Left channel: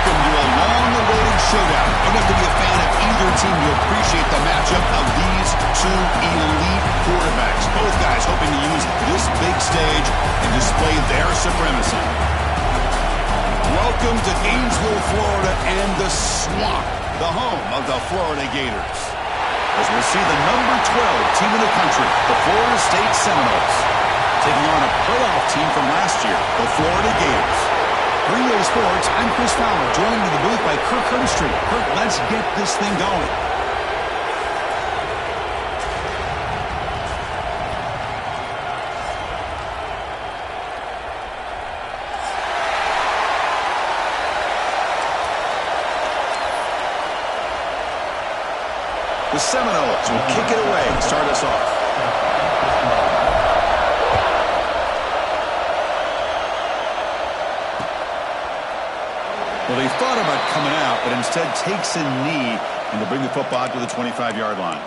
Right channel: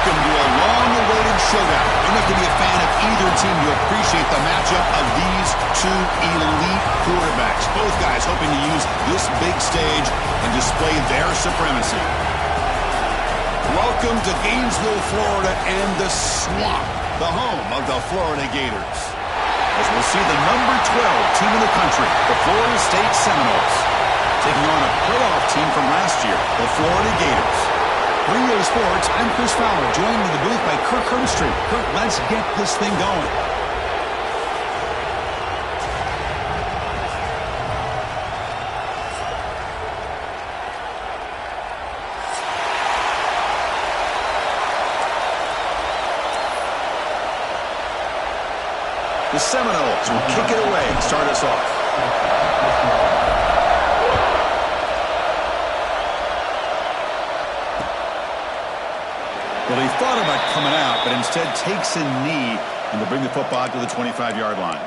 Welcome to a long-awaited showdown. You don't have to be a fan of either team to appreciate the matchup of these two elite quarterbacks. Both guys hoping to use this big stage and display their supremacy. Welcome to Gainesville, Florida, and the Swamp, the home of the Florida Gators. As we'll see the number 12 team in the country, the Florida State Seminoles, taking on a playoff team from last year, the Florida Gators. For EA Sports, I'm Chris Fowler, joined in the booth by Kirk Herbstreit. Kirk, let's get this thing going. The Seminoles will kick it away and start us off. Well, he thought about coming out, but instead takes a knee and to bring the football out to the 25-yard line.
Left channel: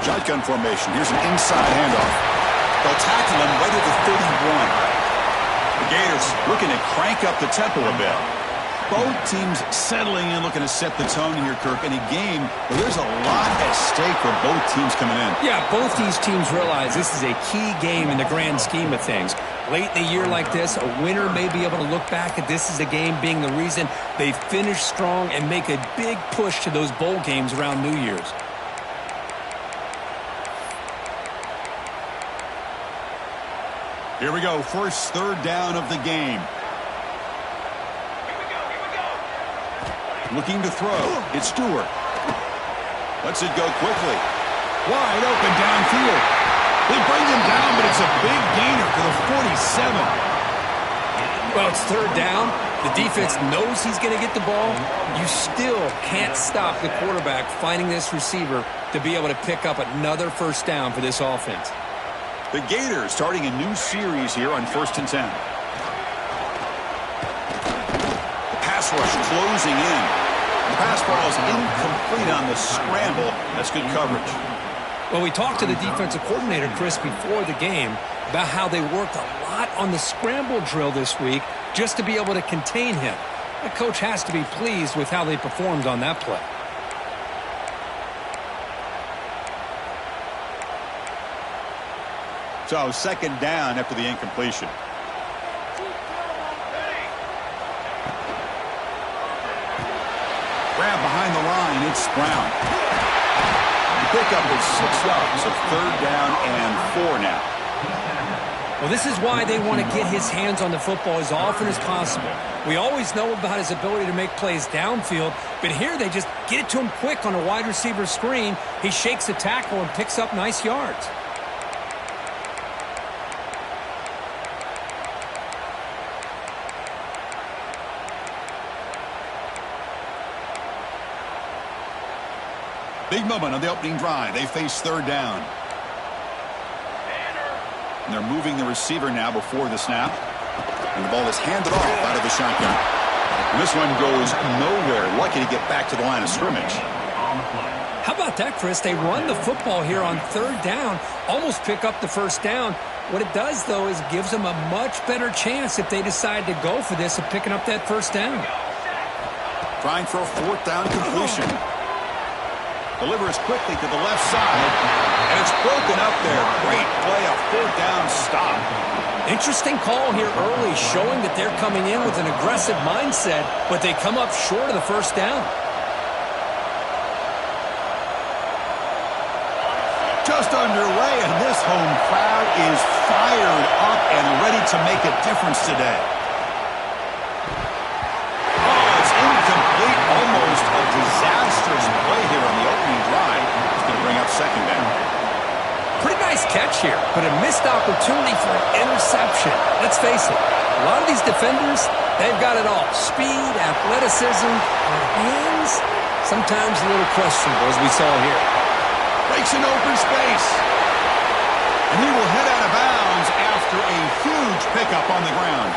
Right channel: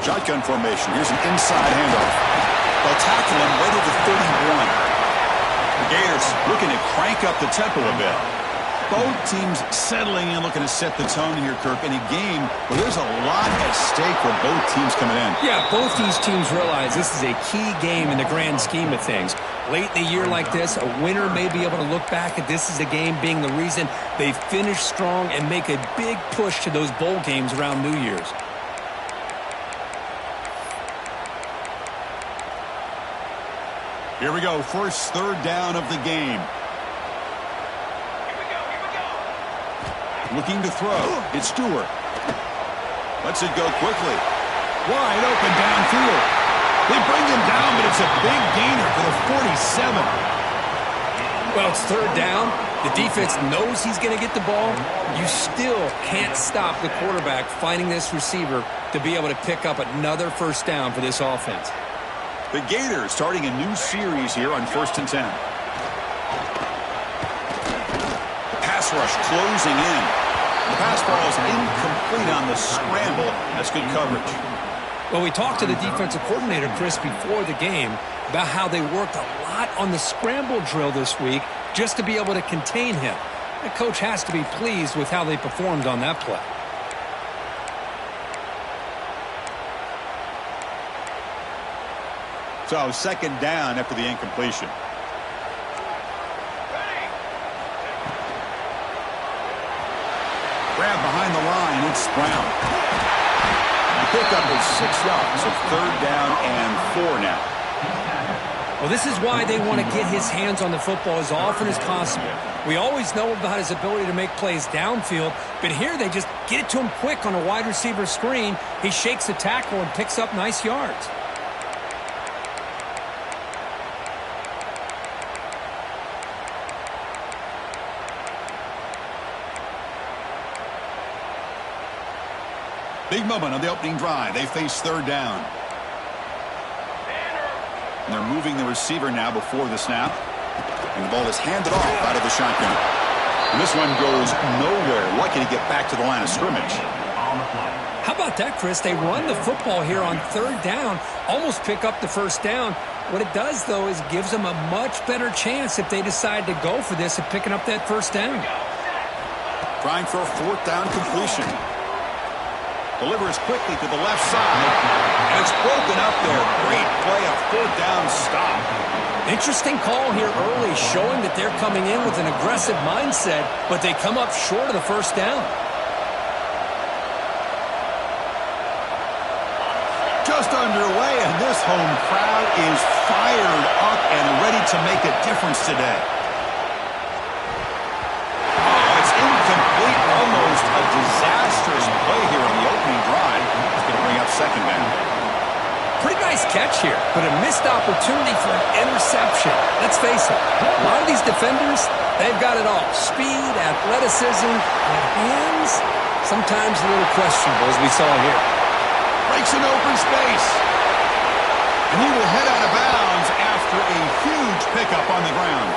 Shotgun formation. Here's an inside handoff. They'll tackle him right at the 31. The Gators looking to crank up the tempo a bit. Both teams settling in, looking to set the tone here, Kirk, in a game where there's a lot at stake for both teams coming in. Yeah, both these teams realize this is a key game in the grand scheme of things. Late in a year like this, a winner may be able to look back at this as a game being the reason they finish strong and make a big push to those bowl games around New Year's. Here we go, first third down of the game. Here we go. Looking to throw. It's Stewart. Lets it go quickly. Wide open downfield. They bring him down, but it's a big gainer for the 47. Well, it's third down. The defense knows he's going to get the ball. You still can't stop the quarterback finding this receiver to be able to pick up another first down for this offense. The Gators starting a new series here on 1st and 10. The pass rush closing in. The pass ball is incomplete on the scramble. That's good coverage. Well, we talked to the defensive coordinator, Chris, before the game about how they worked a lot on the scramble drill this week just to be able to contain him. The coach has to be pleased with how they performed on that play. So second down after the incompletion. Grab behind the line. It's Brown. The pickup is 6 yards, so third down and 4 now. Well, this is why they want to get his hands on the football as often as possible. We always know about his ability to make plays downfield, but here they just get it to him quick on a wide receiver screen. He shakes the tackle and picks up nice yards. Big moment on the opening drive. They face third down. And they're moving the receiver now before the snap. And the ball is handed off out of the shotgun. And this one goes nowhere. Lucky to get back to the line of scrimmage. How about that, Chris? They run the football here on third down, almost pick up the first down. What it does, though, is gives them a much better chance if they decide to go for this of picking up that first down. Trying for a fourth down completion. Delivers quickly to the left side, and it's broken up there. Great play, a fourth down stop. Interesting call here early, showing that they're coming in with an aggressive mindset, but they come up short of the first down. Just underway, and this home crowd is fired up and ready to make a difference today. Incomplete, almost a disastrous play here on the opening drive. It's going to bring up second down. Pretty nice catch here, but a missed opportunity for an interception. Let's face it, a lot of these defenders, they've got it all. Speed, athleticism, but hands, sometimes a little questionable, as we saw here. Breaks an open space. And he will head out of bounds after a huge pickup on the ground.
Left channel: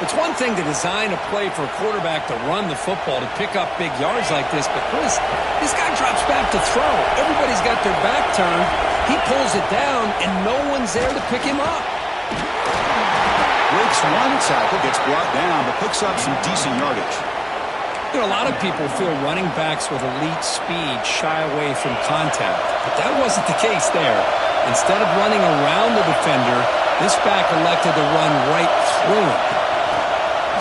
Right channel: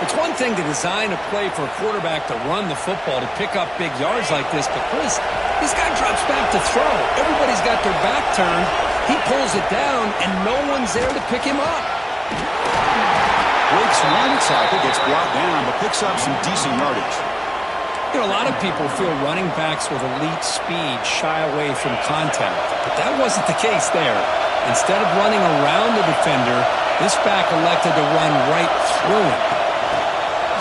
It's one thing to design a play for a quarterback to run the football, to pick up big yards like this, but Chris, this guy drops back to throw. Everybody's got their back turned. He pulls it down, and no one's there to pick him up. Breaks one tackle, gets brought down, but picks up some decent yardage. You know, a lot of people feel running backs with elite speed shy away from contact, but that wasn't the case there. Instead of running around the defender, this back elected to run right through him.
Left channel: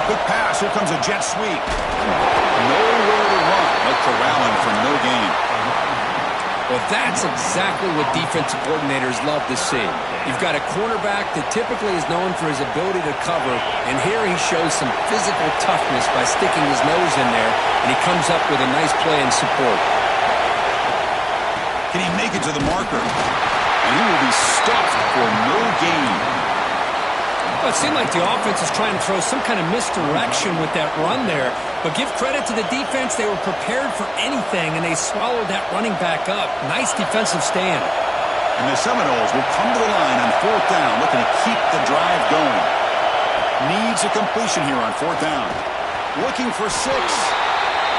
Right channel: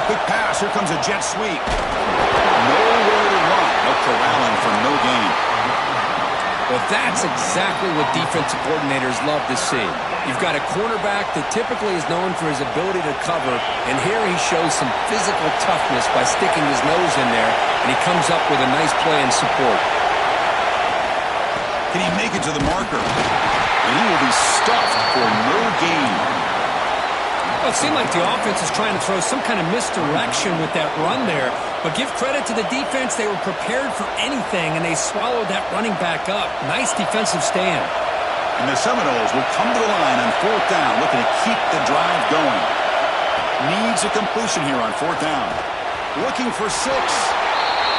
Quick pass, here comes a jet sweep. Nowhere to run. No corralling for no gain. Well, that's exactly what defensive coordinators love to see. You've got a cornerback that typically is known for his ability to cover, and here he shows some physical toughness by sticking his nose in there, and he comes up with a nice play in support. Can he make it to the marker? And he will be stuffed for no gain. Well, it seemed like the offense is trying to throw some kind of misdirection with that run there. But give credit to the defense. They were prepared for anything, and they swallowed that running back up. Nice defensive stand. And the Seminoles will come to the line on 4th down, looking to keep the drive going. Needs a completion here on 4th down. Looking for 6.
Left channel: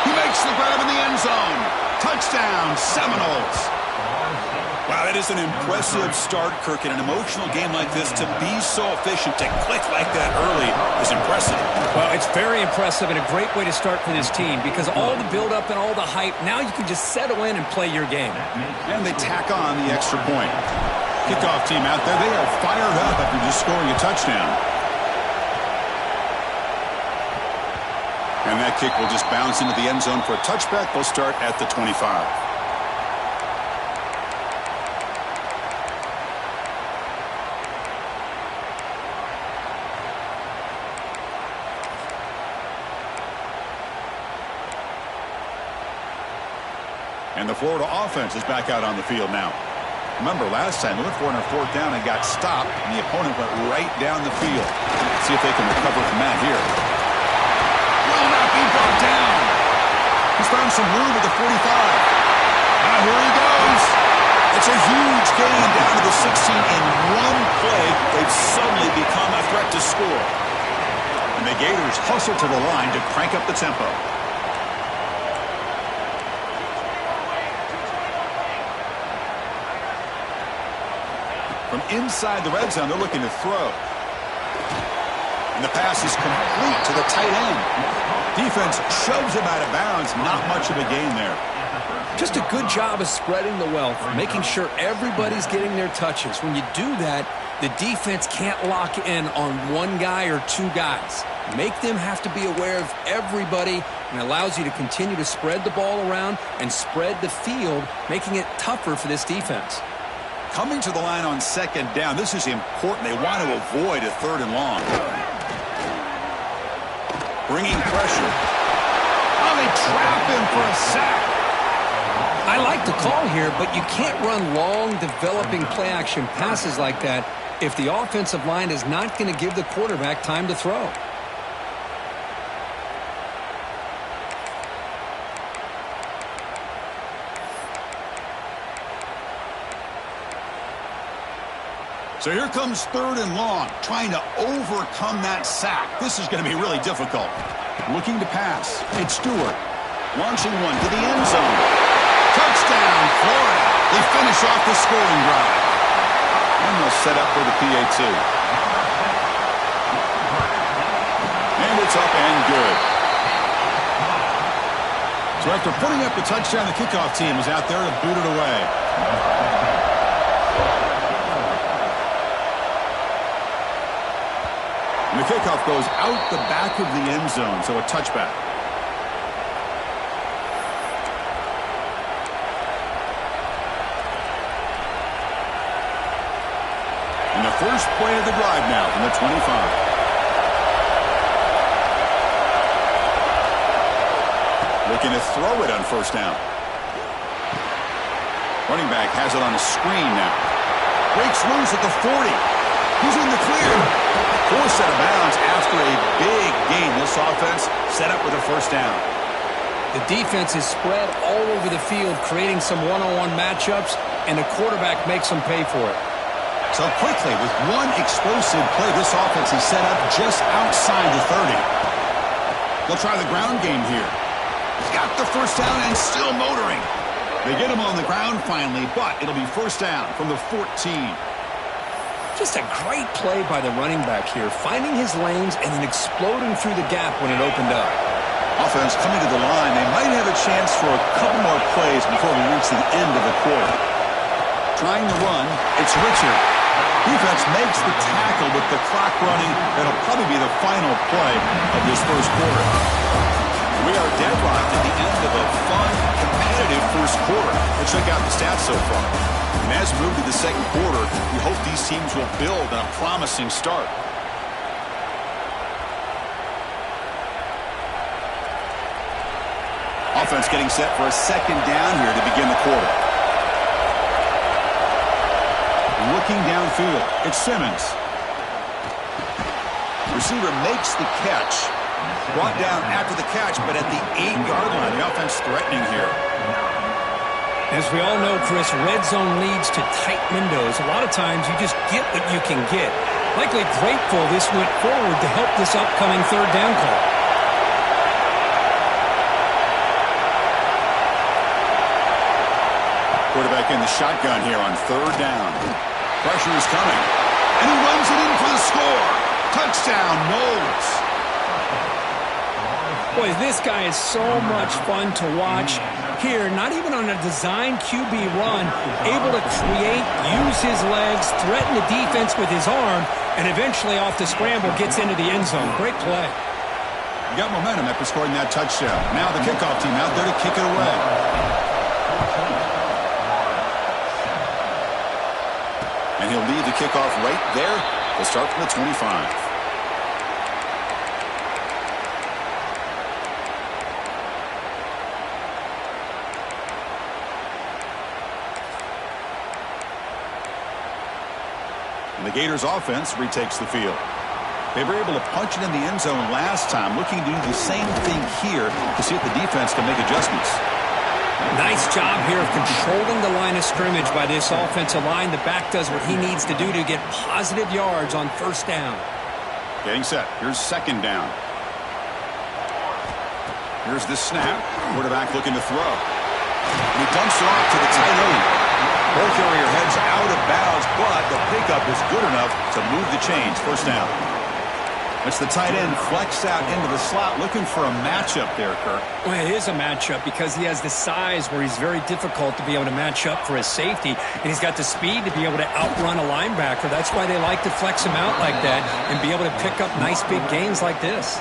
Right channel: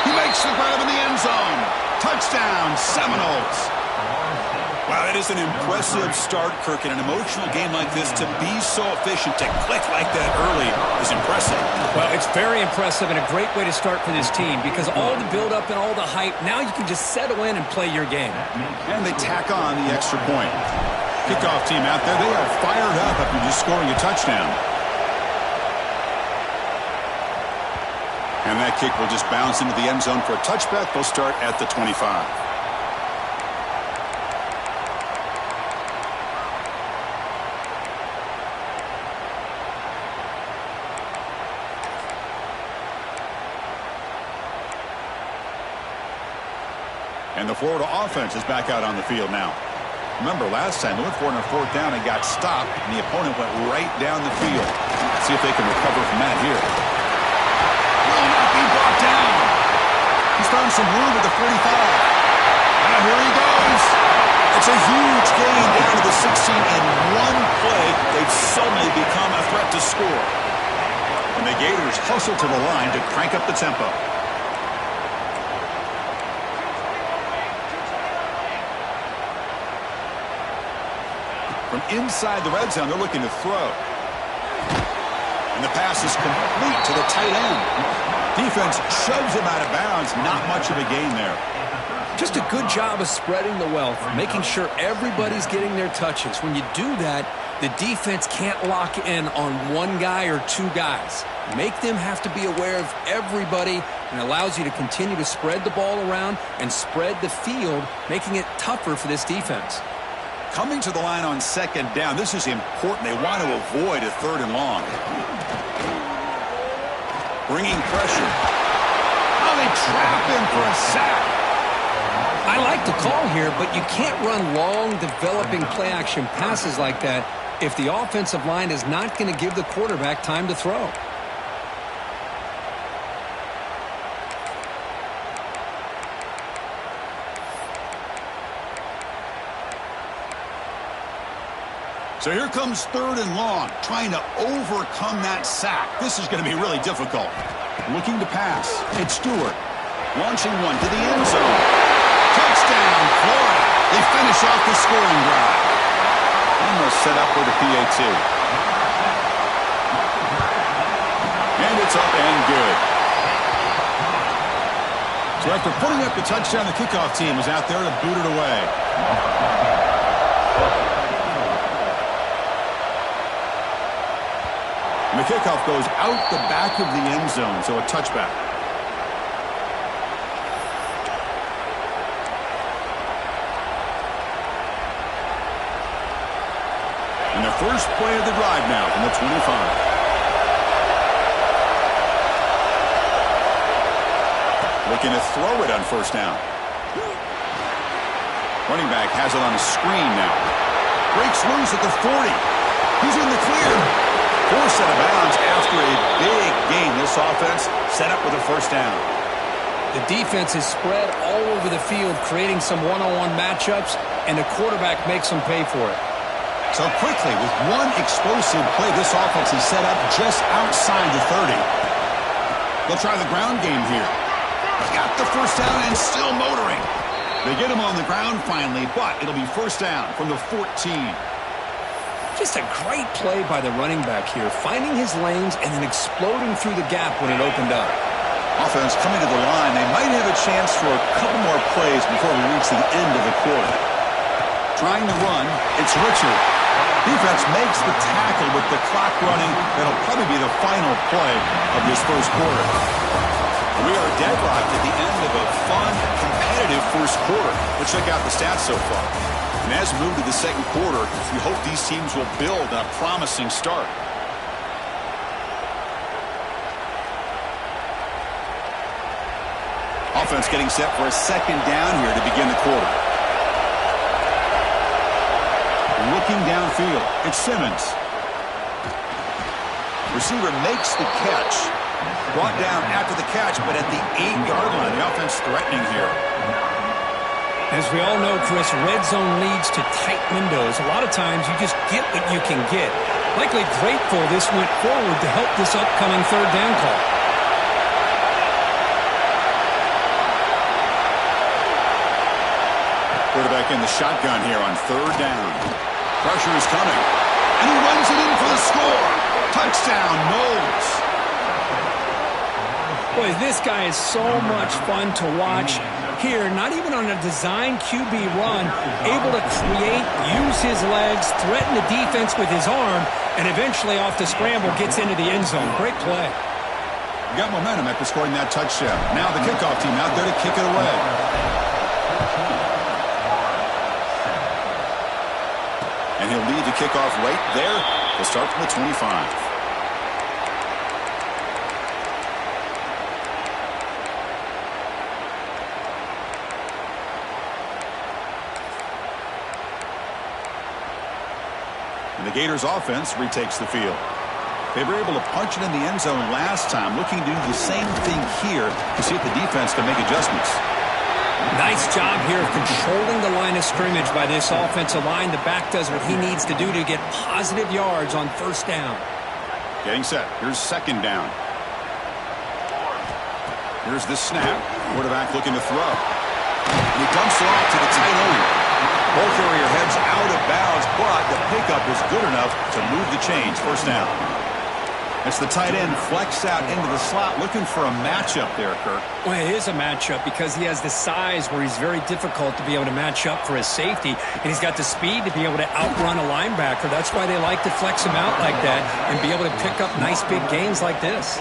He makes the grab in the end zone. Touchdown, Seminoles. Wow, that is an impressive start, Kirk. In an emotional game like this, to be so efficient, to click like that early is impressive. Well, it's very impressive and a great way to start for this team because all the build-up and all the hype, now you can just settle in and play your game. And they tack on the extra point. Kickoff team out there, they are fired up after just scoring a touchdown. And that kick will just bounce into the end zone for a touchback. They'll start at the 25. And the Florida offense is back out on the field now. Remember, last time they went for it on 4th down and got stopped, and the opponent went right down the field. Let's see if they can recover from that here. Will not be brought down. He's found some room at the 45. Now here he goes. It's a huge gain down to the 16 in one play. They've suddenly become a threat to score. And the Gators hustle to the line to crank up the tempo. From inside the red zone, they're looking to throw. And the pass is complete to the tight end. Defense shoves him out of bounds. Not much of a gain there. Just a good job of spreading the wealth, making sure everybody's getting their touches. When you do that, the defense can't lock in on one guy or two guys. Make them have to be aware of everybody, and allows you to continue to spread the ball around and spread the field, making it tougher for this defense. Coming to the line on 2nd down, this is important. They want to avoid a 3rd and long. Bringing pressure. Oh, they trap him for a sack. I like the call here, but you can't run long, developing play-action passes like that if the offensive line is not going to give the quarterback time to throw. So here comes 3rd and long, trying to overcome that sack. This is going to be really difficult. Looking to pass. It's Stewart. Launching one to the end zone. Touchdown, Florida. They finish off the scoring drive. And they'll set up for the PAT. And it's up and good. So after putting up the touchdown, the kickoff team is out there to boot it away. And the kickoff goes out the back of the end zone, so a touchback. And the first play of the drive now from the 25. Looking to throw it on 1st down. Running back has it on a screen now. Breaks loose at the 40. He's in the clear. Forced out of bounds after a big gain. This offense set up with a 1st down. The defense is spread all over the field, creating some one-on-one matchups, and the quarterback makes them pay for it. So quickly, with one explosive play, this offense is set up just outside the 30. They'll try the ground game here. Got the first down and still motoring. They get him on the ground finally, but it'll be first down from the 14. Just a great play by the running back here, finding his lanes and then exploding through the gap when it opened up. Offense coming to the line. They might have a chance for a couple more plays before we reach the end of the quarter. Trying to run, it's Richard. Defense makes the tackle with the clock running. That'll probably be the final play of this first quarter. We are deadlocked at the end of a fun, competitive first quarter. Let's check out the stats so far. And as we move to the second quarter, we hope these teams will build on a promising start. Offense getting set for a second down here to begin the quarter. Looking downfield, it's Simmons. Receiver makes the catch. Brought down after the catch, but at the 8-yard line. The offense threatening here. As we all know, Chris, red zone leads to tight windows. A lot of times you just get what you can get. Likely grateful this went forward to help this upcoming third down call. Quarterback in the shotgun here on third down. Pressure is coming. And he runs it in for the score. Touchdown, Knowles. Boy, this guy is so much fun to watch here. Not even on a design QB run, able to create, use his legs, threaten the defense with his arm, and eventually off the scramble gets into the end zone. Great play. Got momentum after scoring that touchdown. Now the kickoff team out there to kick it away. And he'll lead the kickoff right there. He'll start from the 25. And the Gators offense retakes the field. They were able to punch it in the end zone last time, looking to do the same thing here to see if the defense can make adjustments. Nice job here of controlling the line of scrimmage by this offensive line. The back does what he needs to do to get positive yards on first down. Getting set. Here's second down. Here's the snap. Quarterback looking to throw. And he dumps it off to the tight end. Ball carrier heads out of bounds, but the pickup is good enough to move the chains. First down. It's the tight end flex out into the slot, looking for a matchup there, Kirk. Well, it is a matchup because he has the size where he's very difficult to be able to match up for his safety, and he's got the speed to be able to outrun a linebacker. That's why they like to flex him out like that and be able to pick up nice big gains like this.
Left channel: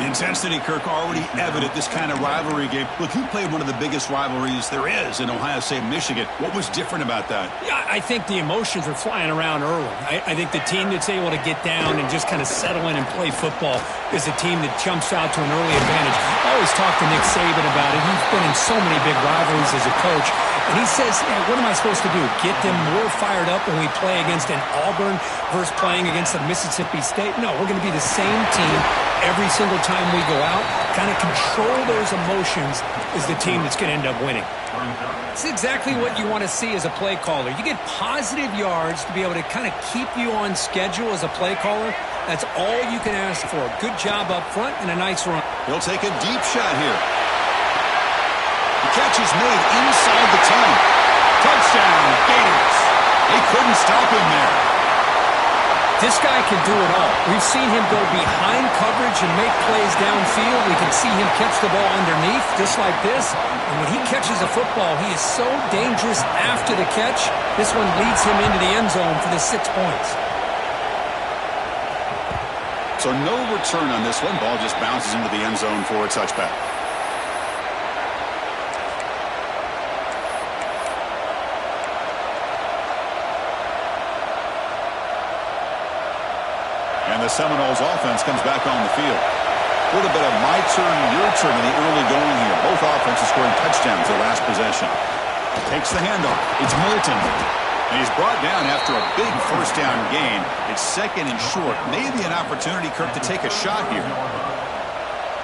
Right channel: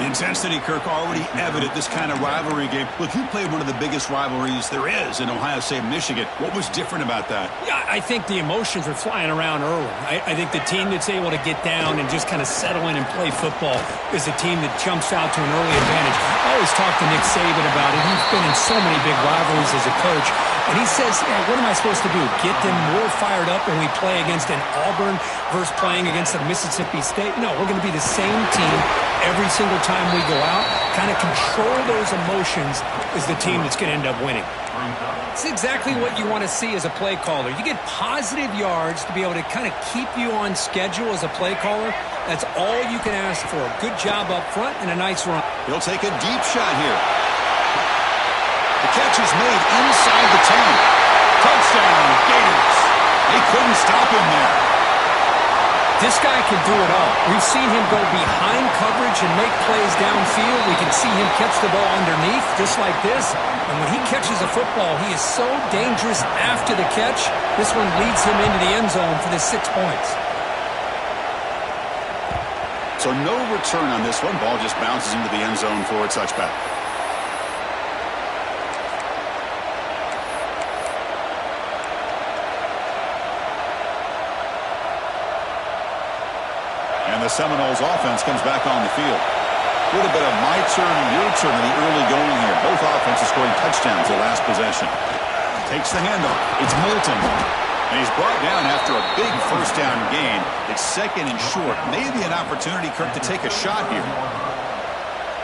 The intensity, Kirk, already evident this kind of rivalry game. Look, you played one of the biggest rivalries there is in Ohio State, Michigan. What was different about that? Yeah, I think the emotions are flying around early. I think the team that's able to get down and just kind of settle in and play football is the team that jumps out to an early advantage. I always talk to Nick Saban about it. He's been in so many big rivalries as a coach. And he says, hey, what am I supposed to do? Get them more fired up when we play against an Auburn versus playing against a Mississippi State? No, we're going to be the same team every single time we go out. Kind of control those emotions is the team that's going to end up winning. It's exactly what you want to see as a play caller. You get positive yards to be able to kind of keep you on schedule as a play caller. That's all you can ask for. Good job up front and a nice run. He'll take a deep shot here. The catch is made inside the 10. Touchdown, Gators. They couldn't stop him there. This guy can do it all. We've seen him go behind coverage and make plays downfield. We can see him catch the ball underneath, just like this. And when he catches a football, he is so dangerous after the catch. This one leads him into the end zone for the 6 points. So no return on this one. Ball just bounces into the end zone for a touchback. And the Seminoles offense comes back on the field. A little bit of my turn, your turn in the early going here. Both offenses scoring touchdowns the last possession. Takes the handoff. It's Moulton. And he's brought down after a big first down gain. It's second and short. Maybe an opportunity, Kirk, to take a shot here.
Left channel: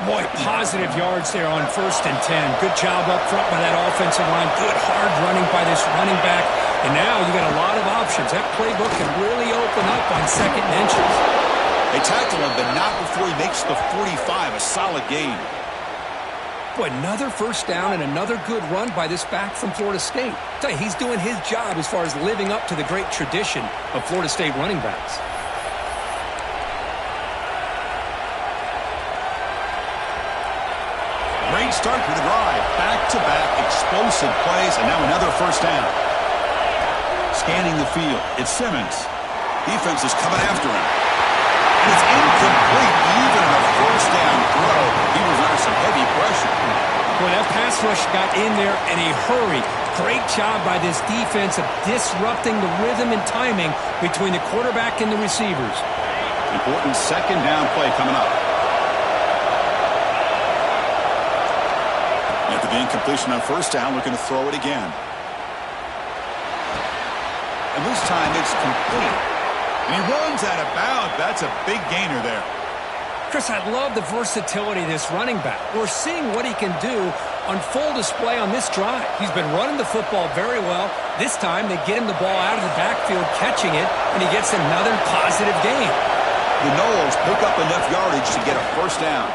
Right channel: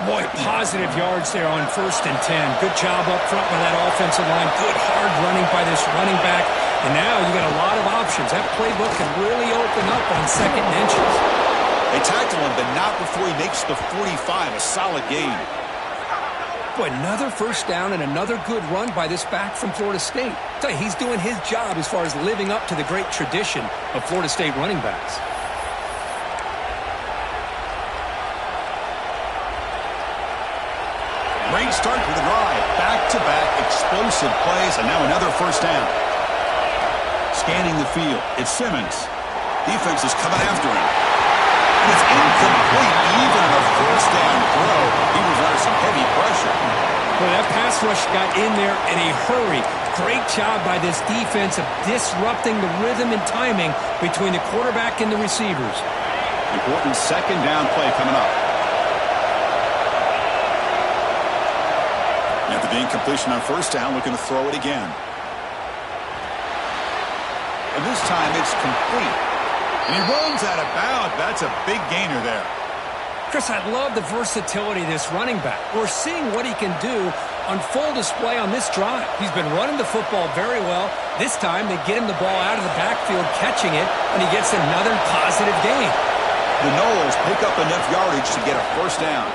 Boy, positive yards there on 1st and 10. Good job up front by that offensive line. Good hard running by this running back. And now you got a lot of options. That playbook can really open up on 2nd and inches. They tackle him, but not before he makes the 45. A solid gain. Boy, another 1st down and another good run by this back from Florida State. I tell you, he's doing his job as far as living up to the great tradition of Florida State running backs. Great start to the drive. Back-to-back explosive plays, and now another 1st down. Scanning the field, it's Simmons. Defense is coming after him. And it's incomplete, even on a 1st down throw. He was under some heavy pressure. Boy, that pass rush got in there in a hurry. Great job by this defense of disrupting the rhythm and timing between the quarterback and the receivers. Important 2nd down play coming up. After the incompletion on 1st down, looking to throw it again. And this time it's complete. And he runs out of bounds. That's a big gainer there. Chris, I love the versatility of this running back. We're seeing what he can do on full display on this drive. He's been running the football very well. This time they get him the ball out of the backfield, catching it, and he gets another positive gain. The Noles pick up enough yardage to get a 1st down.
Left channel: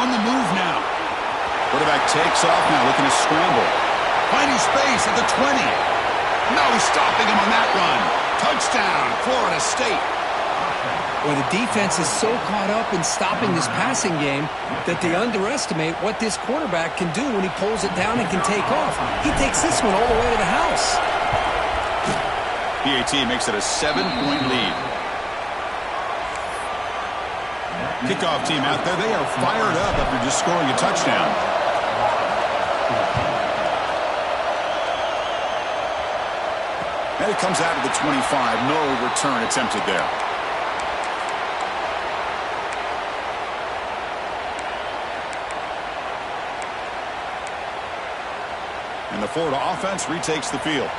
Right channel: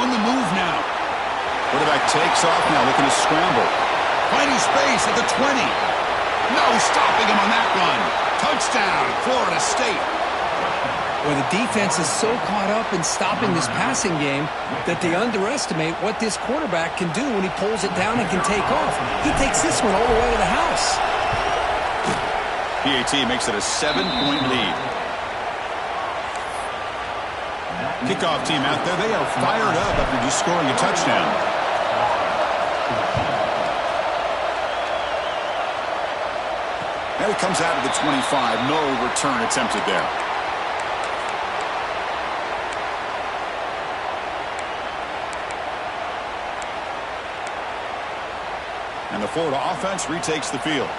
On the move now. Quarterback takes off now, looking to scramble. Finding space at the 20. No, stopping him on that run. Touchdown, Florida State. Well, the defense is so caught up in stopping this passing game that they underestimate what this quarterback can do when he pulls it down and can take off. He takes this one all the way to the house. PAT makes it a 7-point lead. Kickoff team out there, they are fired up after just scoring a touchdown. And it comes out of the 25. No return attempted there. And the Florida offense retakes the field.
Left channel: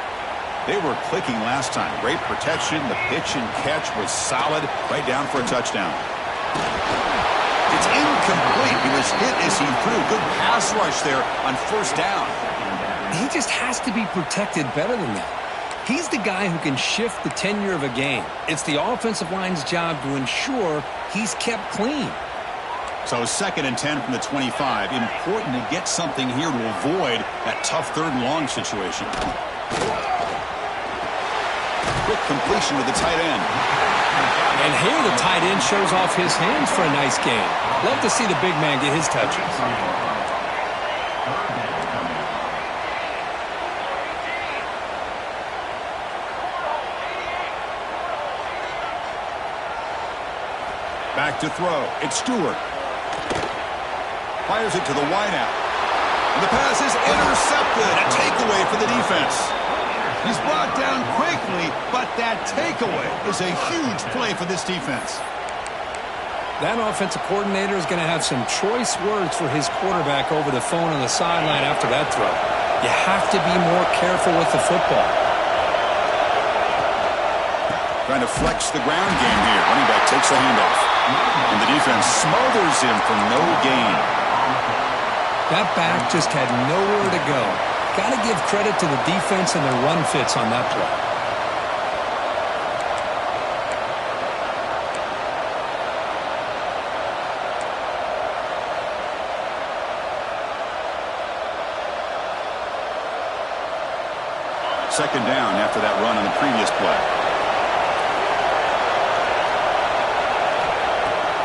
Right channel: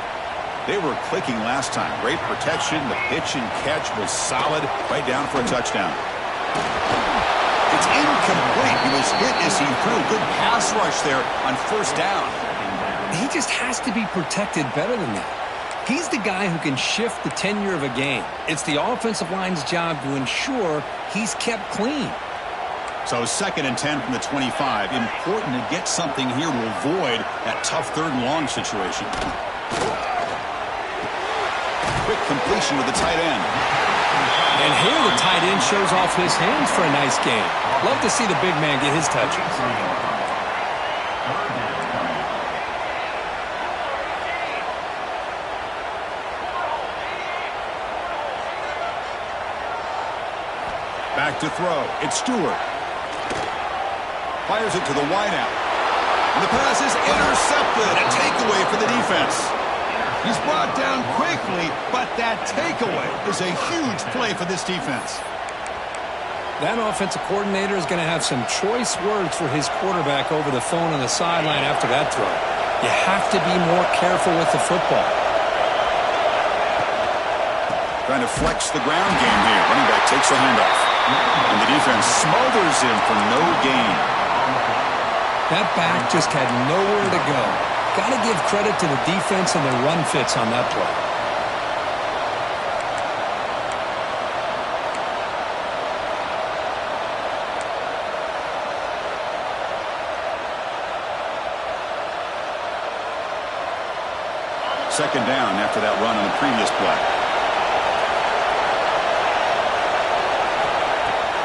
They were clicking last time. Great protection. The pitch and catch was solid. Right down for a touchdown. It's incomplete. He was hit as he threw. Good pass rush there on 1st down. He just has to be protected better than that. He's the guy who can shift the tenure of a game. It's the offensive line's job to ensure he's kept clean. So 2nd and 10 from the 25. Important to get something here to avoid that tough 3rd and long situation. Quick completion to the tight end. And here the tight end shows off his hands for a nice gain. Love to see the big man get his touches. Back to throw. It's Stewart. Fires it to the wideout. And the pass is intercepted. A takeaway for the defense. He's brought down quickly, but that takeaway is a huge play for this defense. That offensive coordinator is going to have some choice words for his quarterback over the phone on the sideline after that throw. You have to be more careful with the football. Trying to flex the ground game here. Running back takes the handoff. And the defense smothers him for no gain. That back just had nowhere to go. Got to give credit to the defense and their run fits on that play. Second down after that run on the previous play.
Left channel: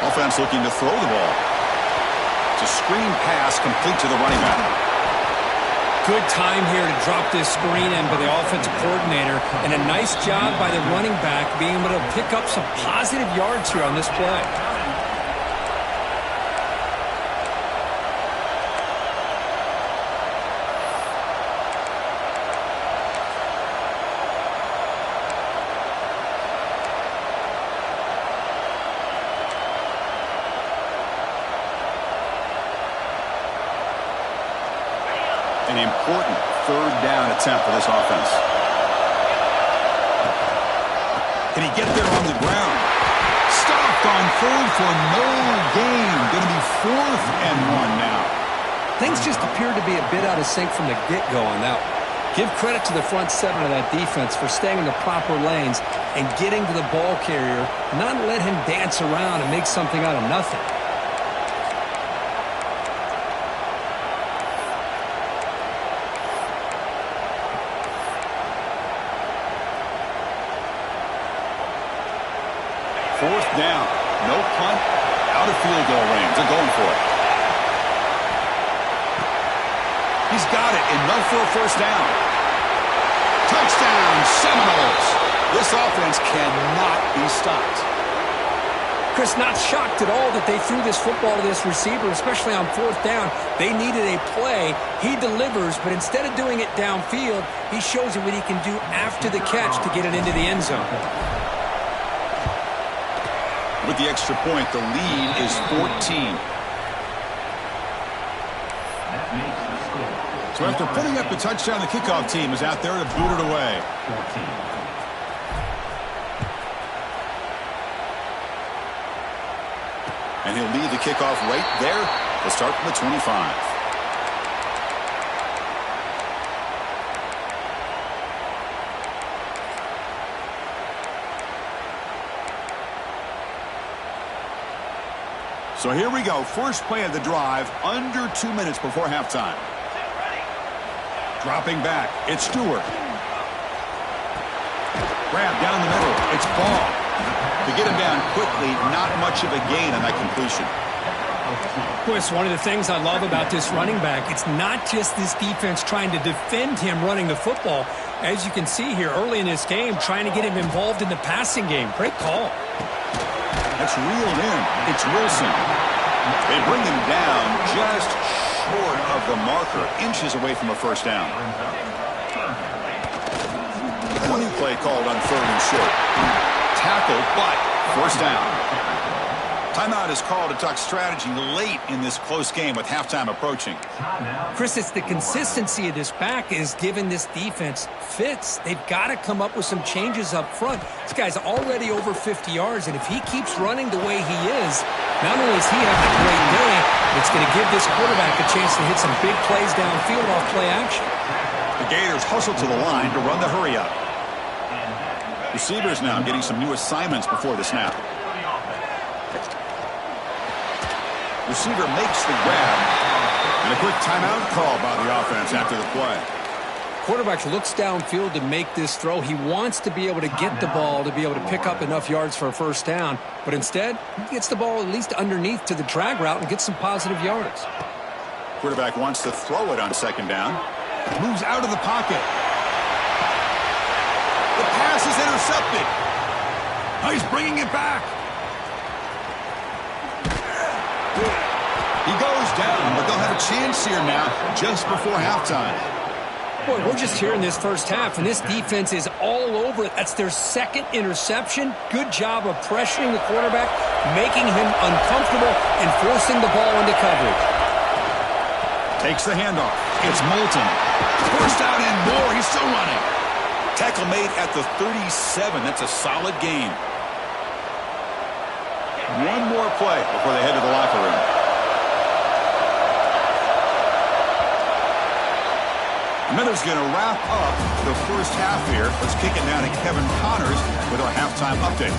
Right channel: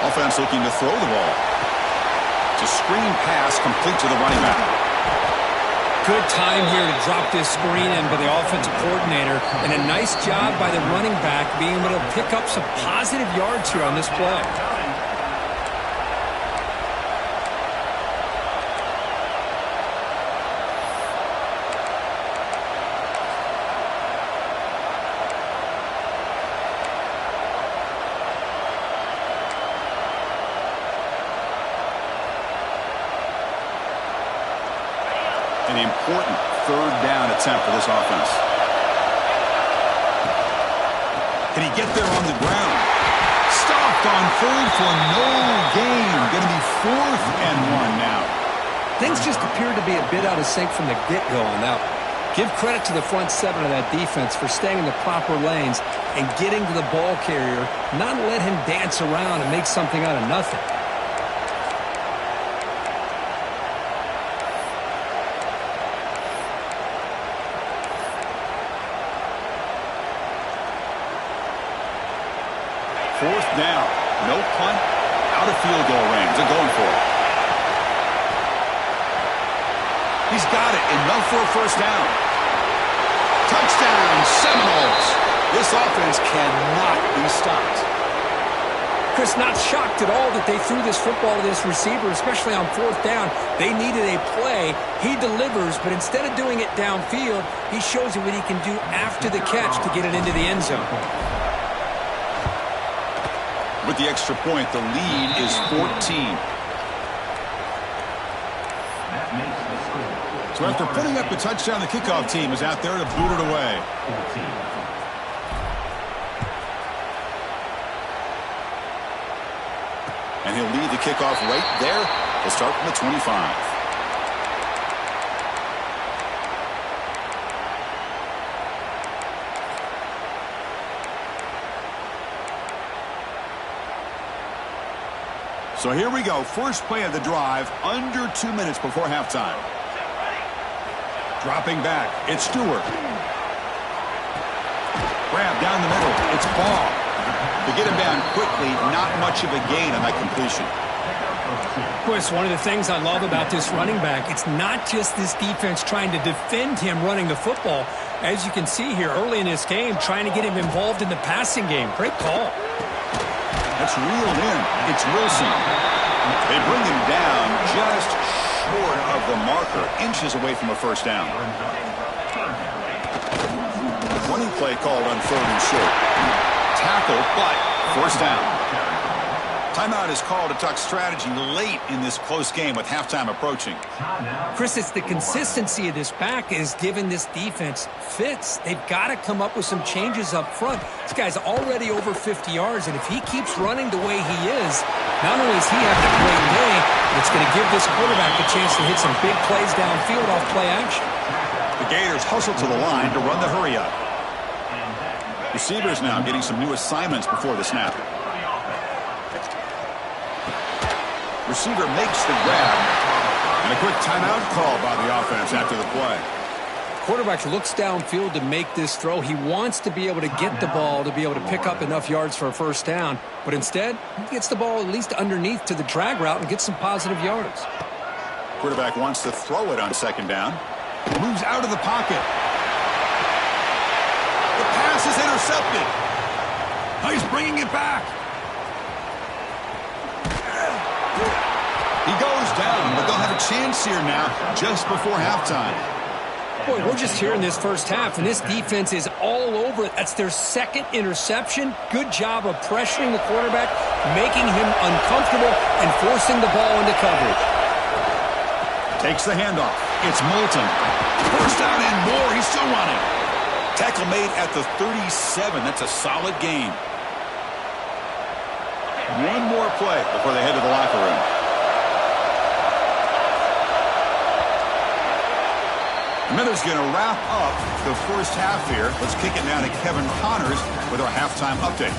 Offense looking to throw the ball. It's a screen pass complete to the running back. Good time here to drop this screen in by the offensive coordinator, and a nice job by the running back being able to pick up some positive yards here on this play. An important third down attempt for this offense. Can he get there on the ground? Stop left on third for no gain. Going to be 4th and 1 now. Things just appeared to be a bit out of sync from the get-go on that one. Give credit to the front 7 of that defense for staying in the proper lanes and getting to the ball carrier, not let him dance around and make something out of nothing. Fourth down. No punt. Out of field goal range. They're going for it. He's got it. Enough for a first down. Touchdown, Seminoles. This offense cannot be stopped. Chris, not shocked at all that they threw this football to this receiver, especially on 4th down. They needed a play. He delivers, but instead of doing it downfield, he shows you what he can do after the catch to get it into the end zone. With the extra point, the lead is 14. So after putting up the touchdown, the kickoff team is out there to boot it away. And he'll lead the kickoff right there. He'll start from the 25. So here we go. First play of the drive, under 2 minutes before halftime. Dropping back, it's Stewart. Grab down the middle, it's Ball. To get him down quickly, not much of a gain on that completion. Chris, one of the things I love about this running back, it's not just this defense trying to defend him running the football. As you can see here early in this game, trying to get him involved in the passing game. Great call. That's reeled in. It's Wilson. They bring him down just short of the marker, inches away from a first down. Running play called on 3rd and short. Tackle, but first down. Timeout is called to talk strategy late in this close game with halftime approaching. Chris, it's the consistency of this back is giving this defense fits. They've got to come up with some changes up front. This guy's already over 50 yards, and if he keeps running the way he is, not only is he having a great day, but it's going to give this quarterback a chance to hit some big plays downfield off play action. The Gators hustle to the line to run the hurry up. Receivers now getting some new assignments before the snap. Receiver makes the grab, and a quick timeout call by the offense after the play. Quarterback looks downfield to make this throw. He wants to be able to get the ball to be able to pick up enough yards for a first down, but instead, he gets the ball at least underneath to the drag route and gets some positive yards. Quarterback wants to throw it on 2nd down. Moves out of the pocket. The pass is intercepted. Oh, he's bringing it back. He goes down, but they'll have a chance here now just before halftime. Boy, we're just here in this first half, and this defense is all over it. That's their 2nd interception. Good job of pressuring the quarterback, making him uncomfortable, and forcing the ball into coverage. Takes the handoff. It's Moulton. Forced out and more. He's still running. Tackle made at the 37. That's a solid gain. One more play before they head to the locker room. Miller's going to wrap up the first half here. Let's kick it now to Kevin Connors with our halftime update.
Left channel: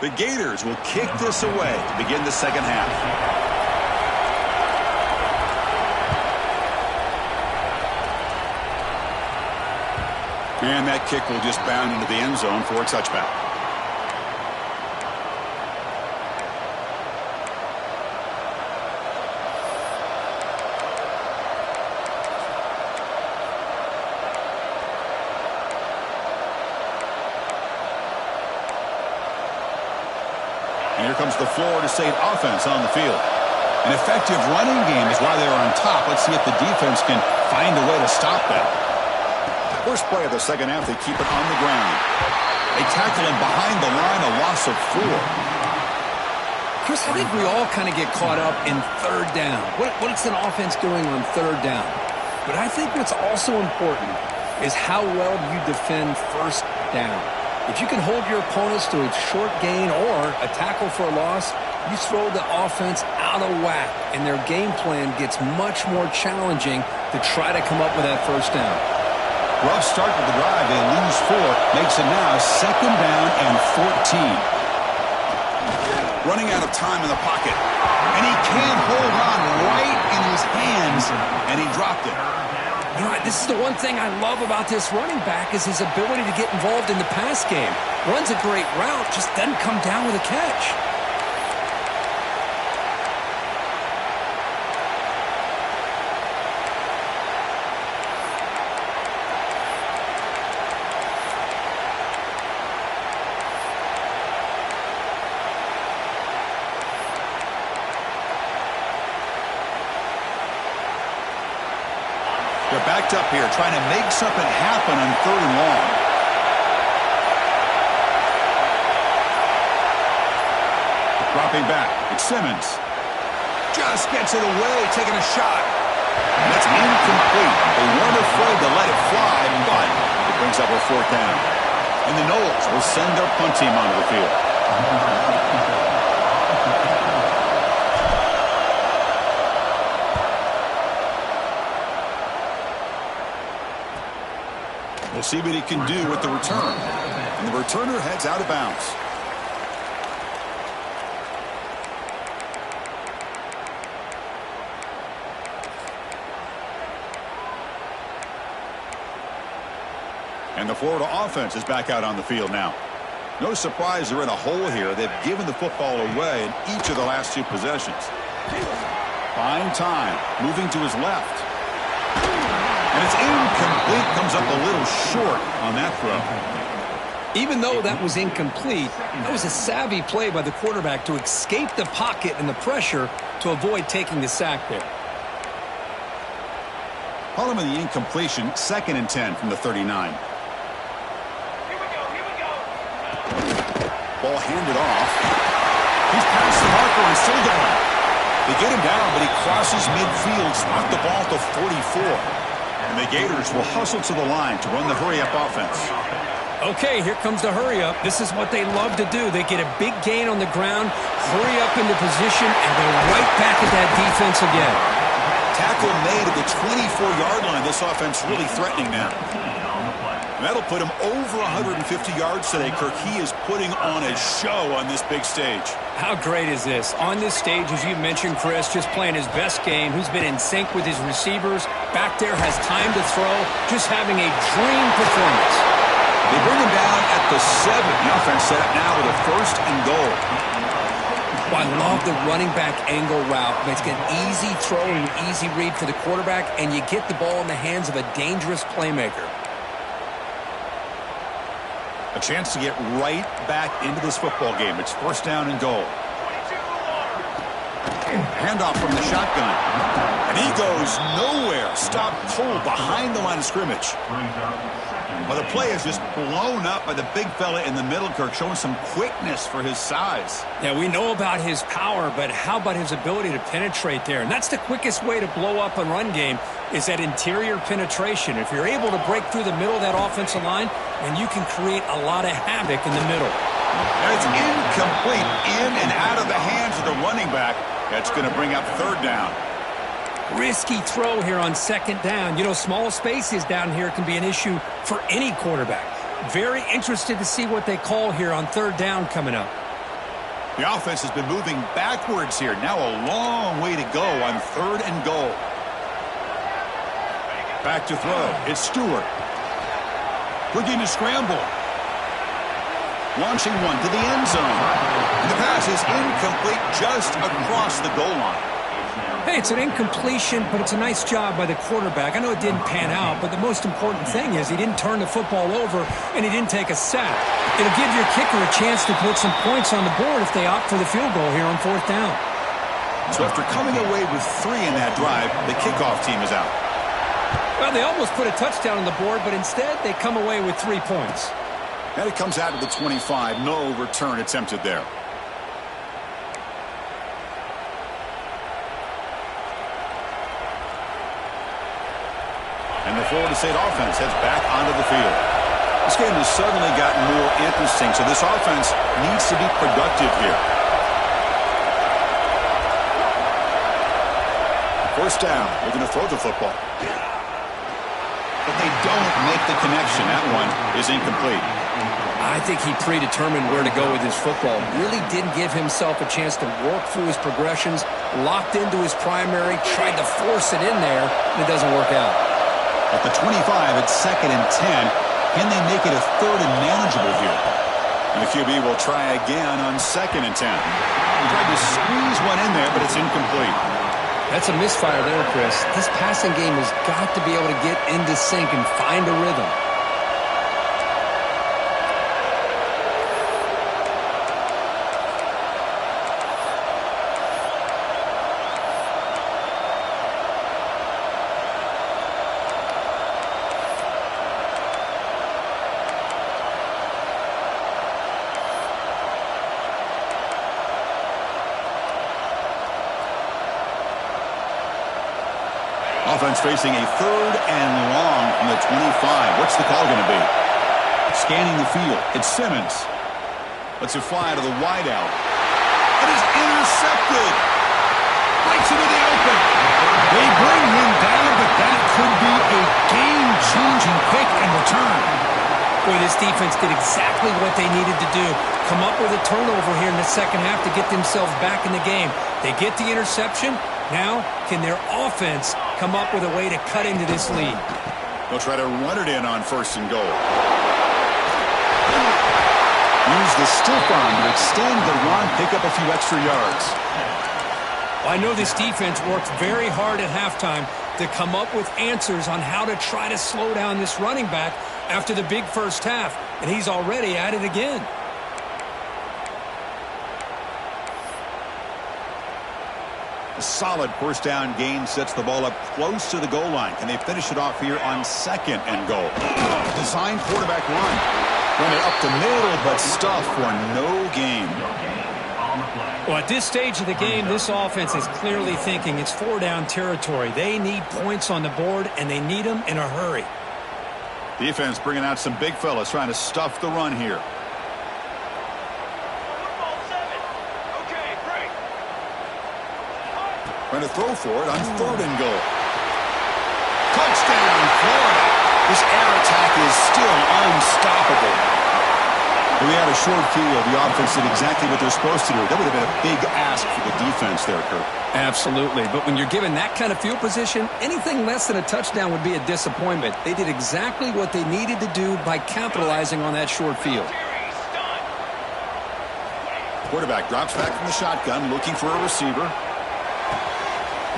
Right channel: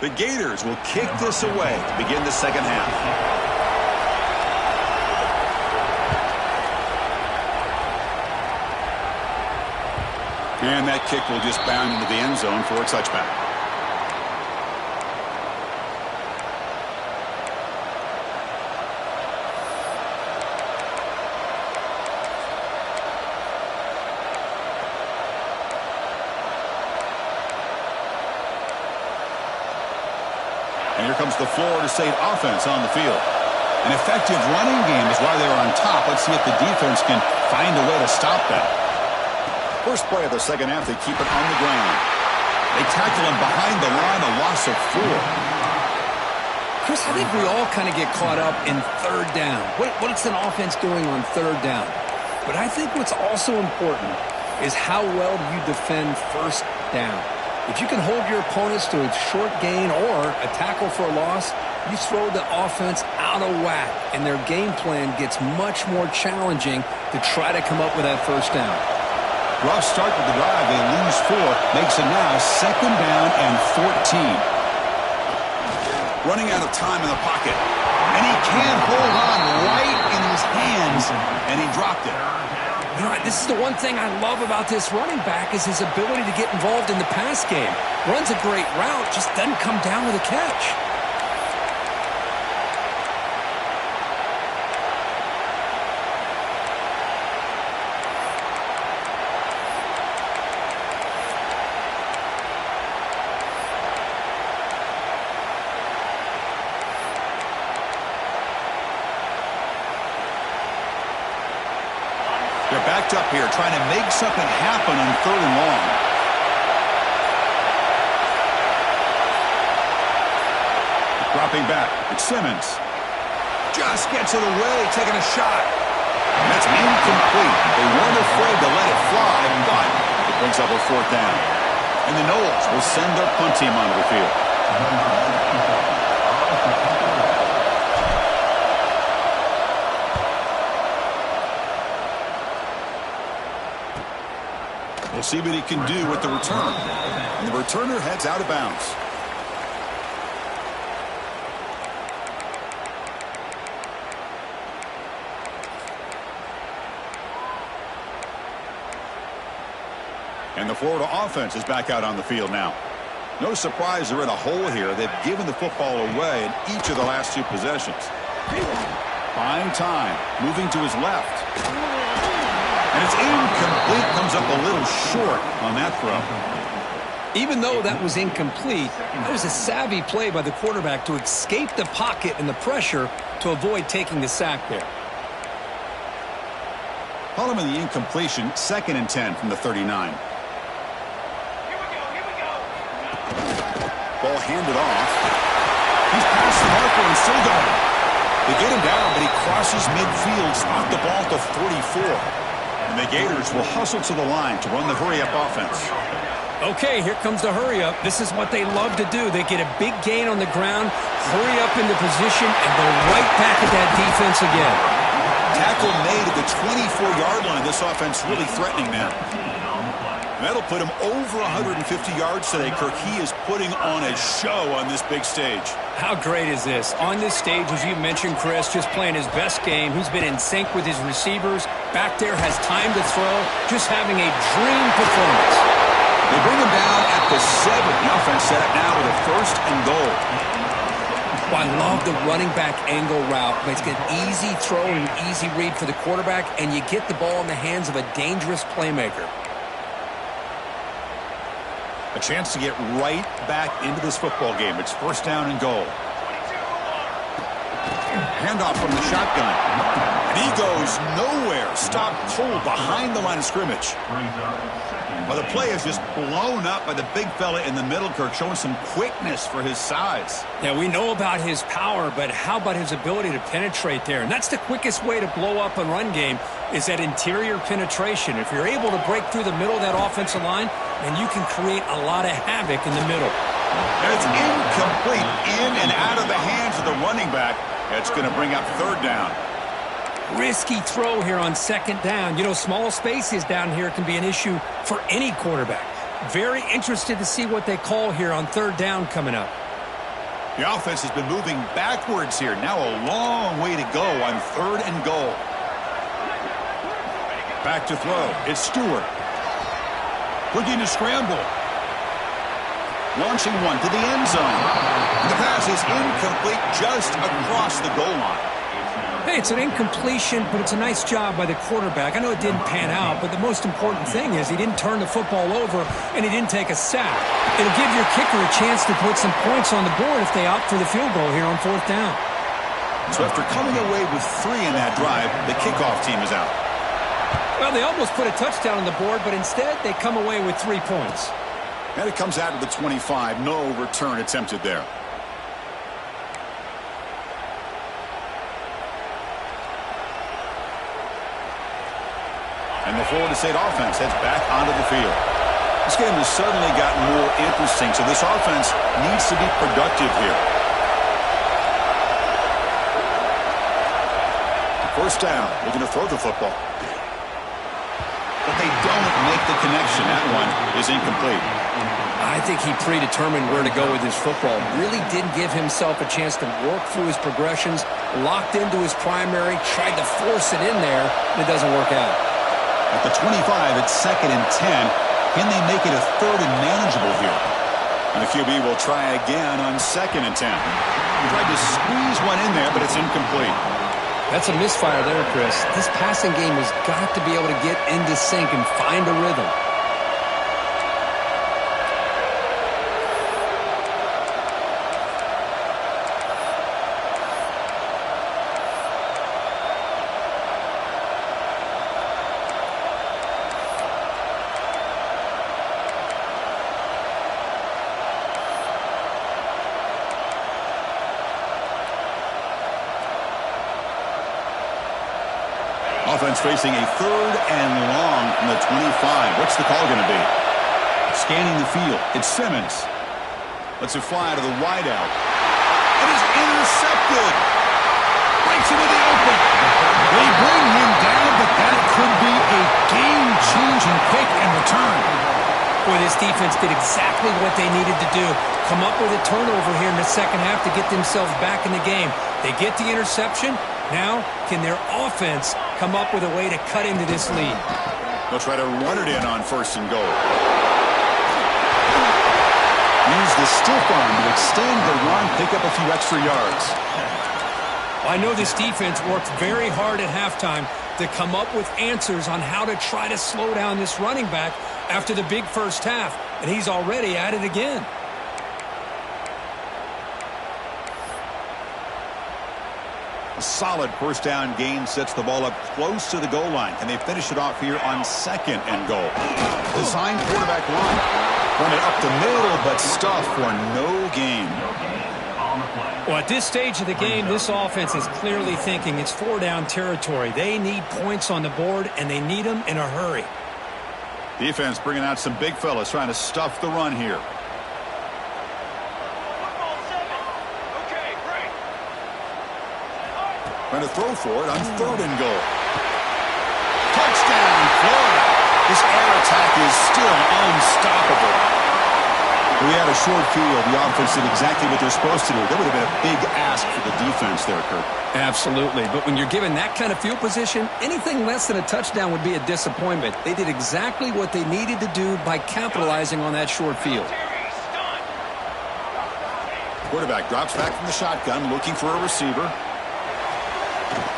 The Gators will kick this away to begin the second half. And that kick will just bound into the end zone for a touchback. And here comes the Florida State offense on the field. An effective running game is why they're on top. Let's see if the defense can find a way to stop that. First play of the second half, they keep it on the ground. They tackle him behind the line, a loss of 4. Chris, I think we all kind of get caught up in third down. What's an offense doing on third down? But I think what's also important is how well do you defend first down. If you can hold your opponents to a short gain or a tackle for a loss, you throw the offense out of whack, and their game plan gets much more challenging to try to come up with that first down. Rough start to the drive. They lose 4. Makes it now 2nd down and 14. Running out of time in the pocket. And he can't hold on right in his hands, and he dropped it. You know, this is the one thing I love about this running back is his ability to get involved in the pass game. Runs a great route, just doesn't come down with a catch. They're backed up here, trying to make something happen on 3rd and long. Dropping back, it's Simmons. Just gets it away, taking a shot. And that's incomplete. They weren't afraid to let it fly, but it brings up a 4th down. And the Noles will send their punt team onto the field. We'll see what he can do with the return. And the returner heads out of bounds. And the Florida offense is back out on the field now. No surprise they're in a hole here. They've given the football away in each of the last 2 possessions. Buying time, moving to his left. And it's incomplete, comes up a little short on that throw. Even though that was incomplete, that was a savvy play by the quarterback to escape the pocket and the pressure to avoid taking the sack there. Following the incompletion, 2nd and 10 from the 39. Here we go. Ball handed off. He's past the marker and still going. They get him down, but he crosses midfield, stopped the ball to 44. And the Gators will hustle to the line to run the hurry-up offense. Okay, here comes the hurry-up. This is what they love to do. They get a big gain on the ground, hurry up into position, and go right back at that defense again. Tackle made at the 24-yard line. This offense really threatening now. And that'll put him over 150 yards today, Kirk. He is putting on a show on this big stage. How great is this? On this stage, as you mentioned, Chris, just playing his best game. He's been in sync with his receivers. Back there, has time to throw. Just having a dream performance. They bring him down at the 7. The offense set up now with a 1st and goal. Well, I love the running back angle route. It's an easy throw and an easy read for the quarterback, and you get the ball in the hands of a dangerous playmaker. A chance to get right back into this football game. It's 1st down and goal. 22 Handoff from the shotgun. And he goes nowhere. Stopped cold behind the line of scrimmage. Well, the play is just blown up by the big fella in the middle, Kirk, showing some quickness for his size. Yeah, we know about his power, but how about his ability to penetrate there? And that's the quickest way to blow up a run game is that interior penetration. If you're able to break through the middle of that offensive line, then you can create a lot of havoc in the middle. And it's incomplete, in and out of the hands of the running back. That's going to bring up 3rd down. Risky throw here on 2nd down. You know, small spaces down here can be an issue for any quarterback. Very interested to see what they call here on 3rd down coming up. The offense has been moving backwards here. Now a long way to go on 3rd and goal. Back to throw. It's Stewart. Looking to scramble. Launching one to the end zone. And the pass is incomplete just across the goal line. Hey, it's an incompletion, but it's a nice job by the quarterback. I know it didn't pan out, but the most important thing is he didn't turn the football over and he didn't take a sack. It'll give your kicker a chance to put some points on the board if they opt for the field goal here on 4th down. So after coming away with 3 in that drive, the kickoff team is out. Well, they almost put a touchdown on the board, but instead they come away with 3 points. And it comes out to the 25. No return attempted there. And the Florida State offense heads back onto the field. This game has suddenly gotten more interesting, so this offense needs to be productive here. First down, looking to throw the football. But they don't make the connection. That one is incomplete. I think he predetermined where to go with his football. Really didn't give himself a chance to work through his progressions, locked into his primary, tried to force it in there, and it doesn't work out. At the 25, it's 2nd and 10. Can they make it a 3rd and manageable here? And the QB will try again on 2nd and 10. He tried to squeeze one in there, but it's incomplete. That's a misfire there, Chris. This passing game has got to be able to get into sync and find a rhythm. Offense facing a 3rd and long from the 25. What's the call going to be? Scanning the field. It's Simmons. Lets it fly to the wideout. It is intercepted. Breaks into the open. They bring him down, but that could be a game-changing pick and return. Boy, this defense did exactly what they needed to do. Come up with a turnover here in the second half to get themselves back in the game. They get the interception. Now, can their offense come up with a way to cut into this lead? They'll try to run it in on 1st and goal. Use the stiff arm to extend the run, pick up a few extra yards. Well, I know this defense worked very hard at halftime to come up with answers on how to try to slow down this running back after the big first half, and he's already at it again. A solid first down gain sets the ball up close to the goal line. Can they finish it off here on 2nd and goal? Design quarterback line. Run it up the middle, but stuff for no gain. Well, at this stage of the game, this offense is clearly thinking it's 4-down territory. They need points on the board, and they need them in a hurry. Defense bringing out some big fellas trying to stuff the run here. Trying to throw for it on 3rd and goal. Touchdown, Florida. This air attack is still unstoppable. We had a short field. The offense did exactly what they're supposed to do. That would have been a big ask for the defense there, Kurt. Absolutely. But when you're given that kind of field position, anything less than a touchdown would be a disappointment. They did exactly what they needed to do by capitalizing on that short field. Quarterback drops back from the shotgun, looking for a receiver.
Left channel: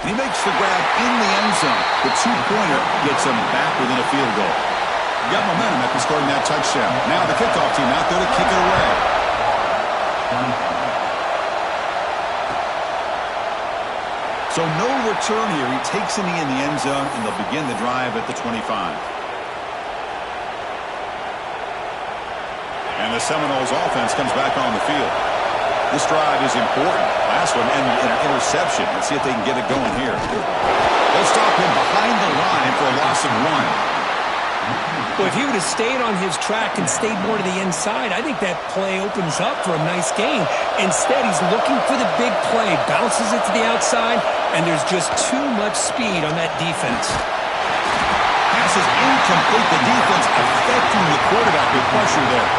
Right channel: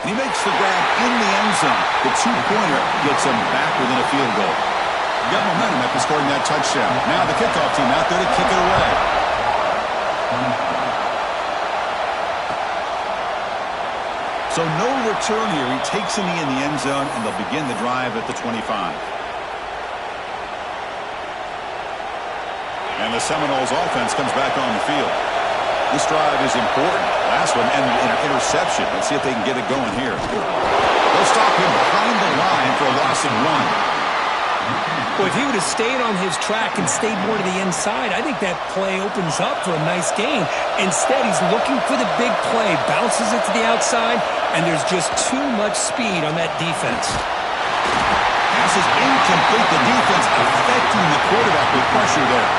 And he makes the grab in the end zone. The 2-pointer gets him back within a field goal. Got momentum after scoring that touchdown. Now the kickoff team out there to kick it away. So no return here. He takes a knee in the end zone, and they'll begin the drive at the 25. And the Seminoles offense comes back on the field. This drive is important. Last one ended in an interception. Let's see if they can get it going here. They'll stop him behind the line for a loss of 1. Well, if he would have stayed on his track and stayed more to the inside, I think that play opens up for a nice gain. Instead, he's looking for the big play, bounces it to the outside, and there's just too much speed on that defense. Pass is incomplete. The defense affecting the quarterback with pressure there.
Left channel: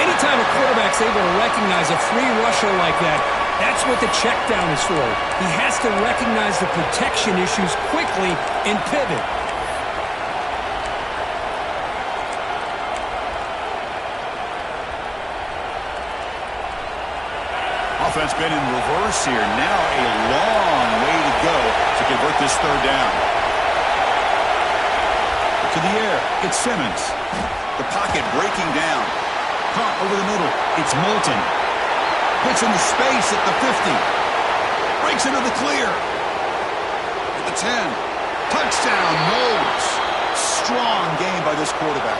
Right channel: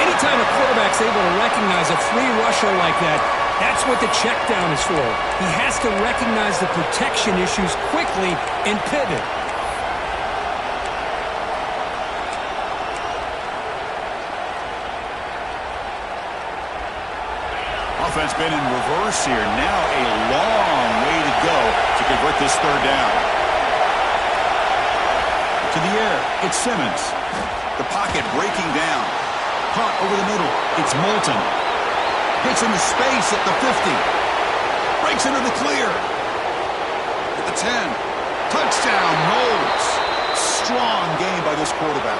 Anytime a quarterback's able to recognize a free rusher like that, that's what the check down is for. He has to recognize the protection issues quickly and pivot. Offense been in reverse here. Now a long way to go to convert this 3rd down. To the air, it's Simmons. The pocket breaking down. Caught over the middle. It's Moulton. Gets into space at the 50. Breaks into the clear. At the 10. Touchdown, Knowles. Strong game by this quarterback.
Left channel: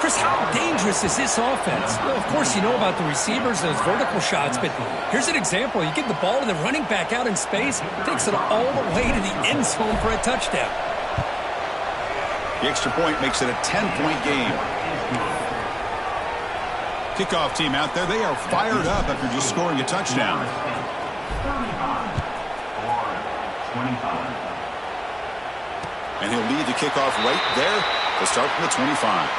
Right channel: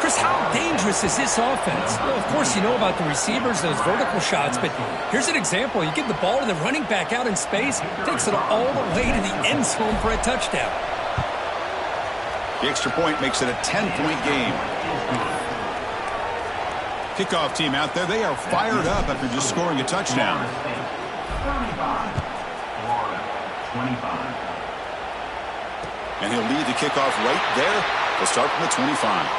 Chris, how dangerous is this offense? Well, of course, you know about the receivers, those vertical shots, but here's an example. You give the ball to the running back out in space, takes it all the way to the end zone for a touchdown. The extra point makes it a 10-point game. Kickoff team out there, they are fired up after just scoring a touchdown. 35, Florida, 25. And he'll lead the kickoff right there. They'll start from the 25.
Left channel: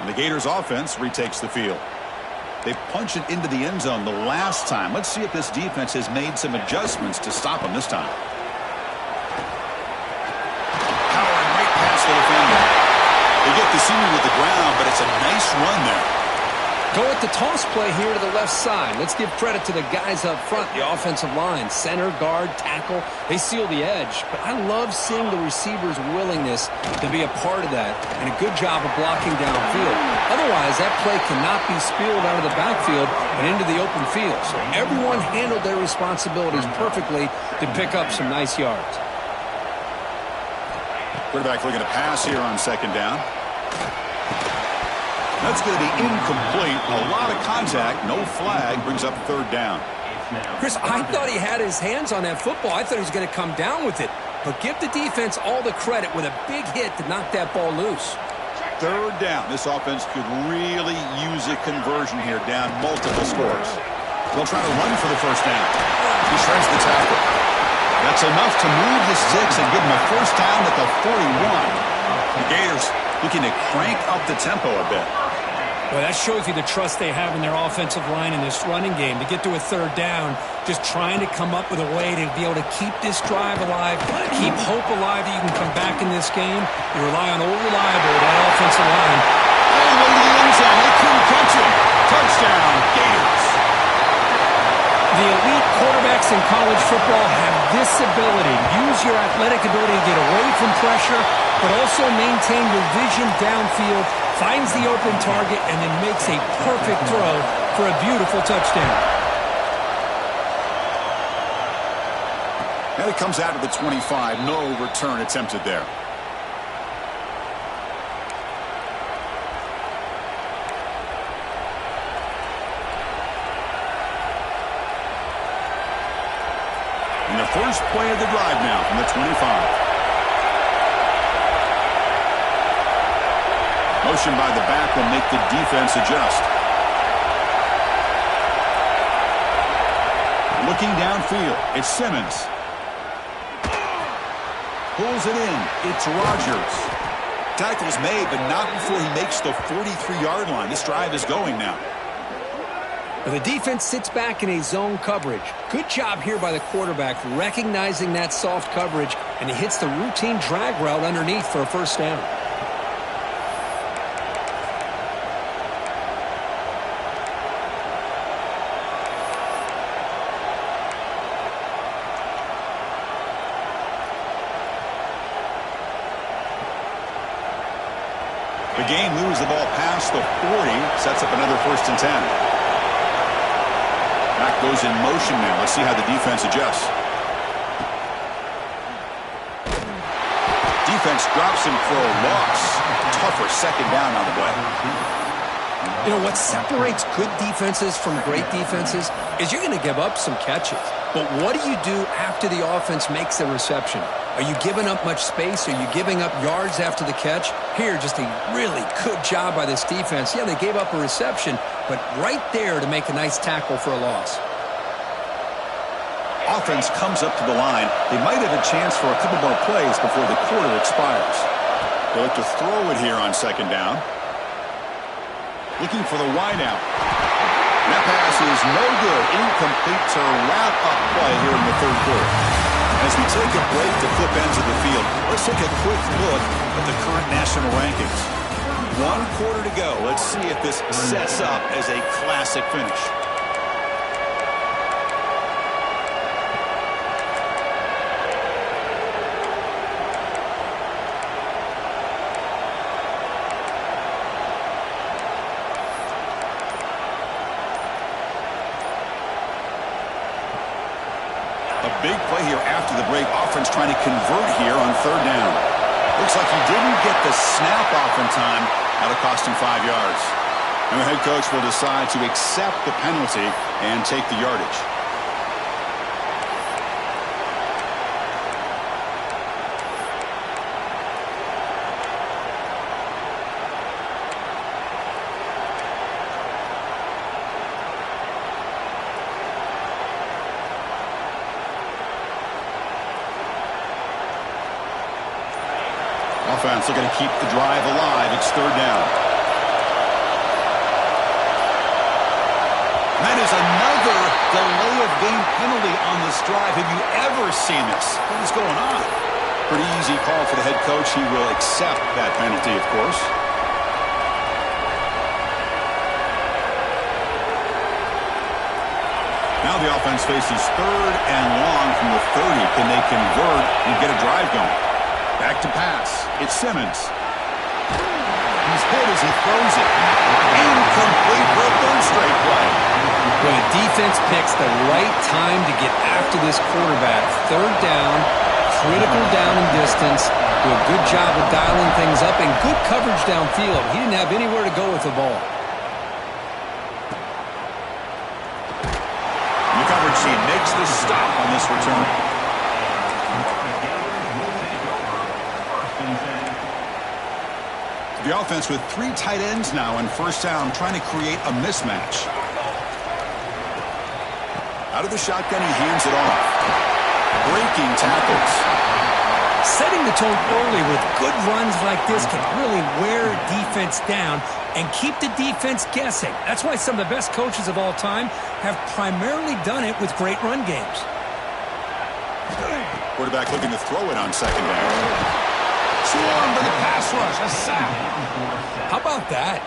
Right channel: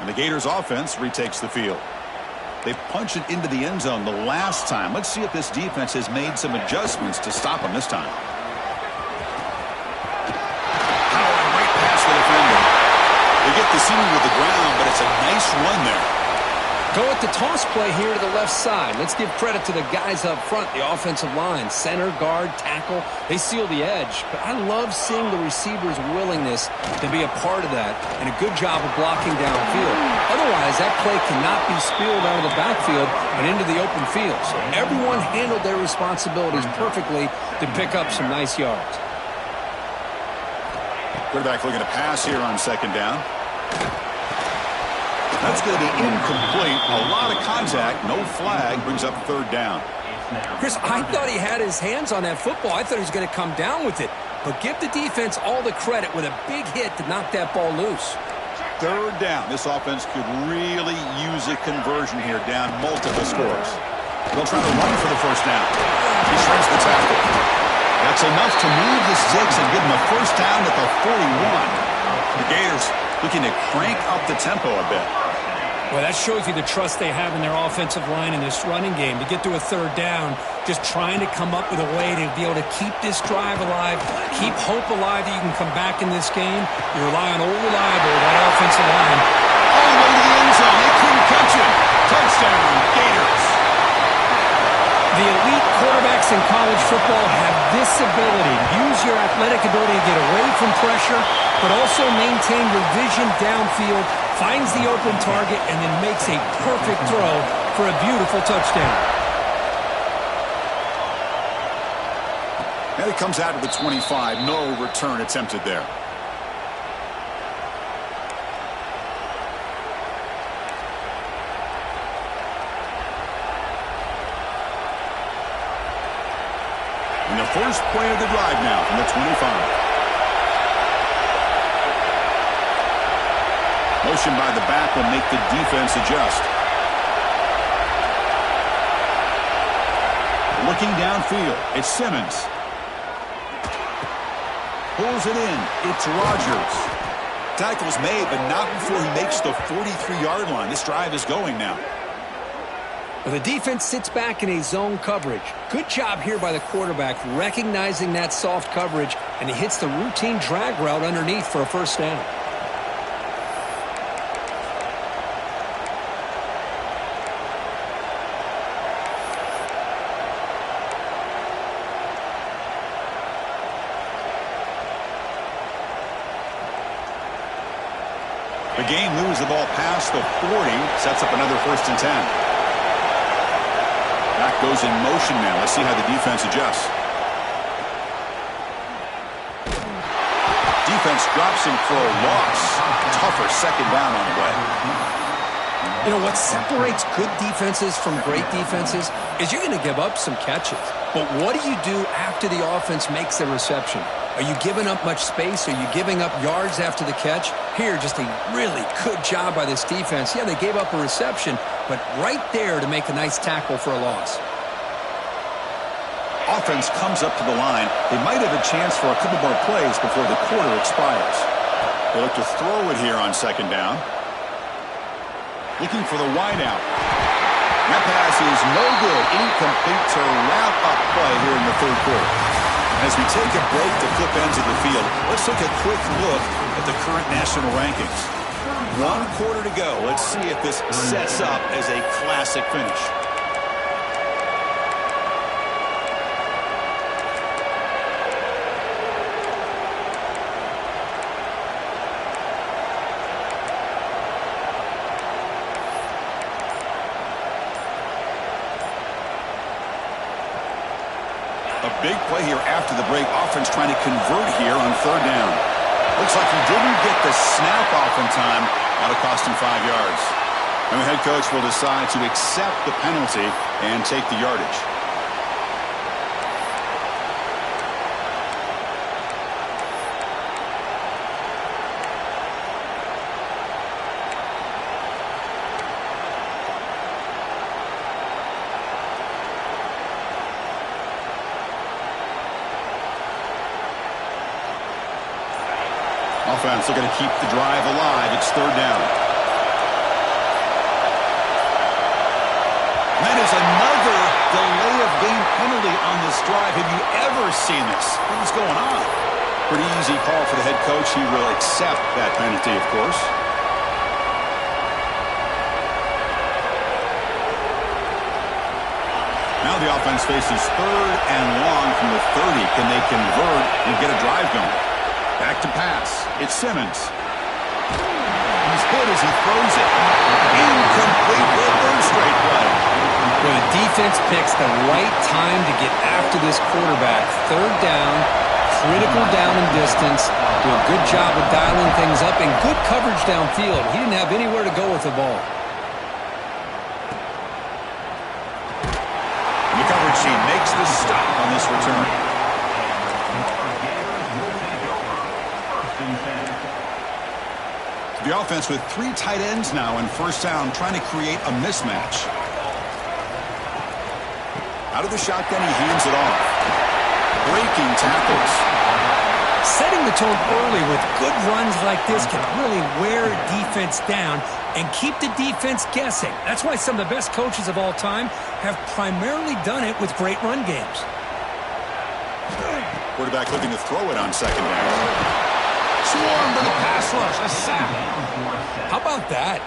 And the Gators offense retakes the field. They punch it into the end zone the last time. Let's see if this defense has made some adjustments to stop them this time. Powering right past the defender. They get the senior to the ground, but it's a nice run there. Go with the toss play here to the left side. Let's give credit to the guys up front, the offensive line, center, guard, tackle. They seal the edge. But I love seeing the receiver's willingness to be a part of that and a good job of blocking downfield. Otherwise, that play cannot be spilled out of the backfield and into the open field. So everyone handled their responsibilities perfectly to pick up some nice yards. Quarterback looking to pass here on second down. That's going to be incomplete. A lot of contact. No flag. Brings up third down. Chris, I thought he had his hands on that football. I thought he was going to come down with it. But give the defense all the credit with a big hit to knock that ball loose. Third down. This offense could really use a conversion here, down multiple scores. They'll try to run for the first down. He shreds the tackle. That's enough to move the sticks and give him a first down at the 41. The Gators looking to crank up the tempo a bit. Well, that shows you the trust they have in their offensive line in this running game. To get to a third down, just trying to come up with a way to be able to keep this drive alive, keep hope alive that you can come back in this game. You rely on old reliable, that offensive line. All the way to the end zone. They couldn't catch him. Touchdown, Gators. The elite quarterbacks in college football have this ability. Use your athletic ability to get away from pressure, but also maintain your vision downfield, finds the open target, and then makes a perfect throw for a beautiful touchdown. And it comes out to the 25. No return attempted there. And the first play of the drive now from the 25. Motion by the back will make the defense adjust. Looking downfield, it's Simmons. Pulls it in, it's Rogers. Tackle's made, but not before he makes the 43-yard line. This drive is going now. Well, the defense sits back in a zone coverage. Good job here by the quarterback, recognizing that soft coverage, and he hits the routine drag route underneath for a first down. The game moves the ball past the 40, sets up another 1st and 10. Back goes in motion now. Let's see how the defense adjusts. Defense drops him for a loss. Tougher second down on the way. You know, what separates good defenses from great defenses is you're going to give up some catches. But what do you do after the offense makes the reception? Are you giving up much space? Are you giving up yards after the catch? Here, just a really good job by this defense. Yeah, they gave up a reception, but right there to make a nice tackle for a loss. Offense comes up to the line. They might have a chance for a couple more plays before the quarter expires. They look to throw it here on second down. Looking for the wideout. That pass is no good. Incomplete to wrap up play here in the third quarter. As we take a break to flip ends of the field, let's take a quick look at the current national rankings. 1 quarter to go. Let's see if this sets up as a classic finish. A big play here after the break. Offense trying to convert here on third down. Looks like he didn't get the snap off in time. That'll cost him 5 yards. And the head coach will decide to accept the penalty and take the yardage. Offense looking to keep the drive alive. It's 3rd down. And that is another delay of game penalty on this drive. Have you ever seen this? What is going on? Pretty easy call for the head coach. He will accept that penalty, of course. Now the offense faces 3rd and long from the 30. Can they convert and get a drive going? Back to pass. It's Simmons. He's hit as he throws it. Incomplete for a 3rd straight play. Well, the defense picks the right time to get after this quarterback. 3rd down, critical down and distance. Do a good job of dialing things up and good coverage downfield. He didn't have anywhere to go with the ball. And the coverage team makes the stop on this return. The offense with 3 tight ends now in 1st down, trying to create a mismatch. Out of the shotgun, he hands it off. Breaking tackles. Setting the tone early with good runs like this can really wear a defense down and keep the defense guessing. That's why some of the best coaches of all time have primarily done it with great run games. Quarterback looking to throw it on 2nd down. Swarm for the pass rush. A sack. How about that?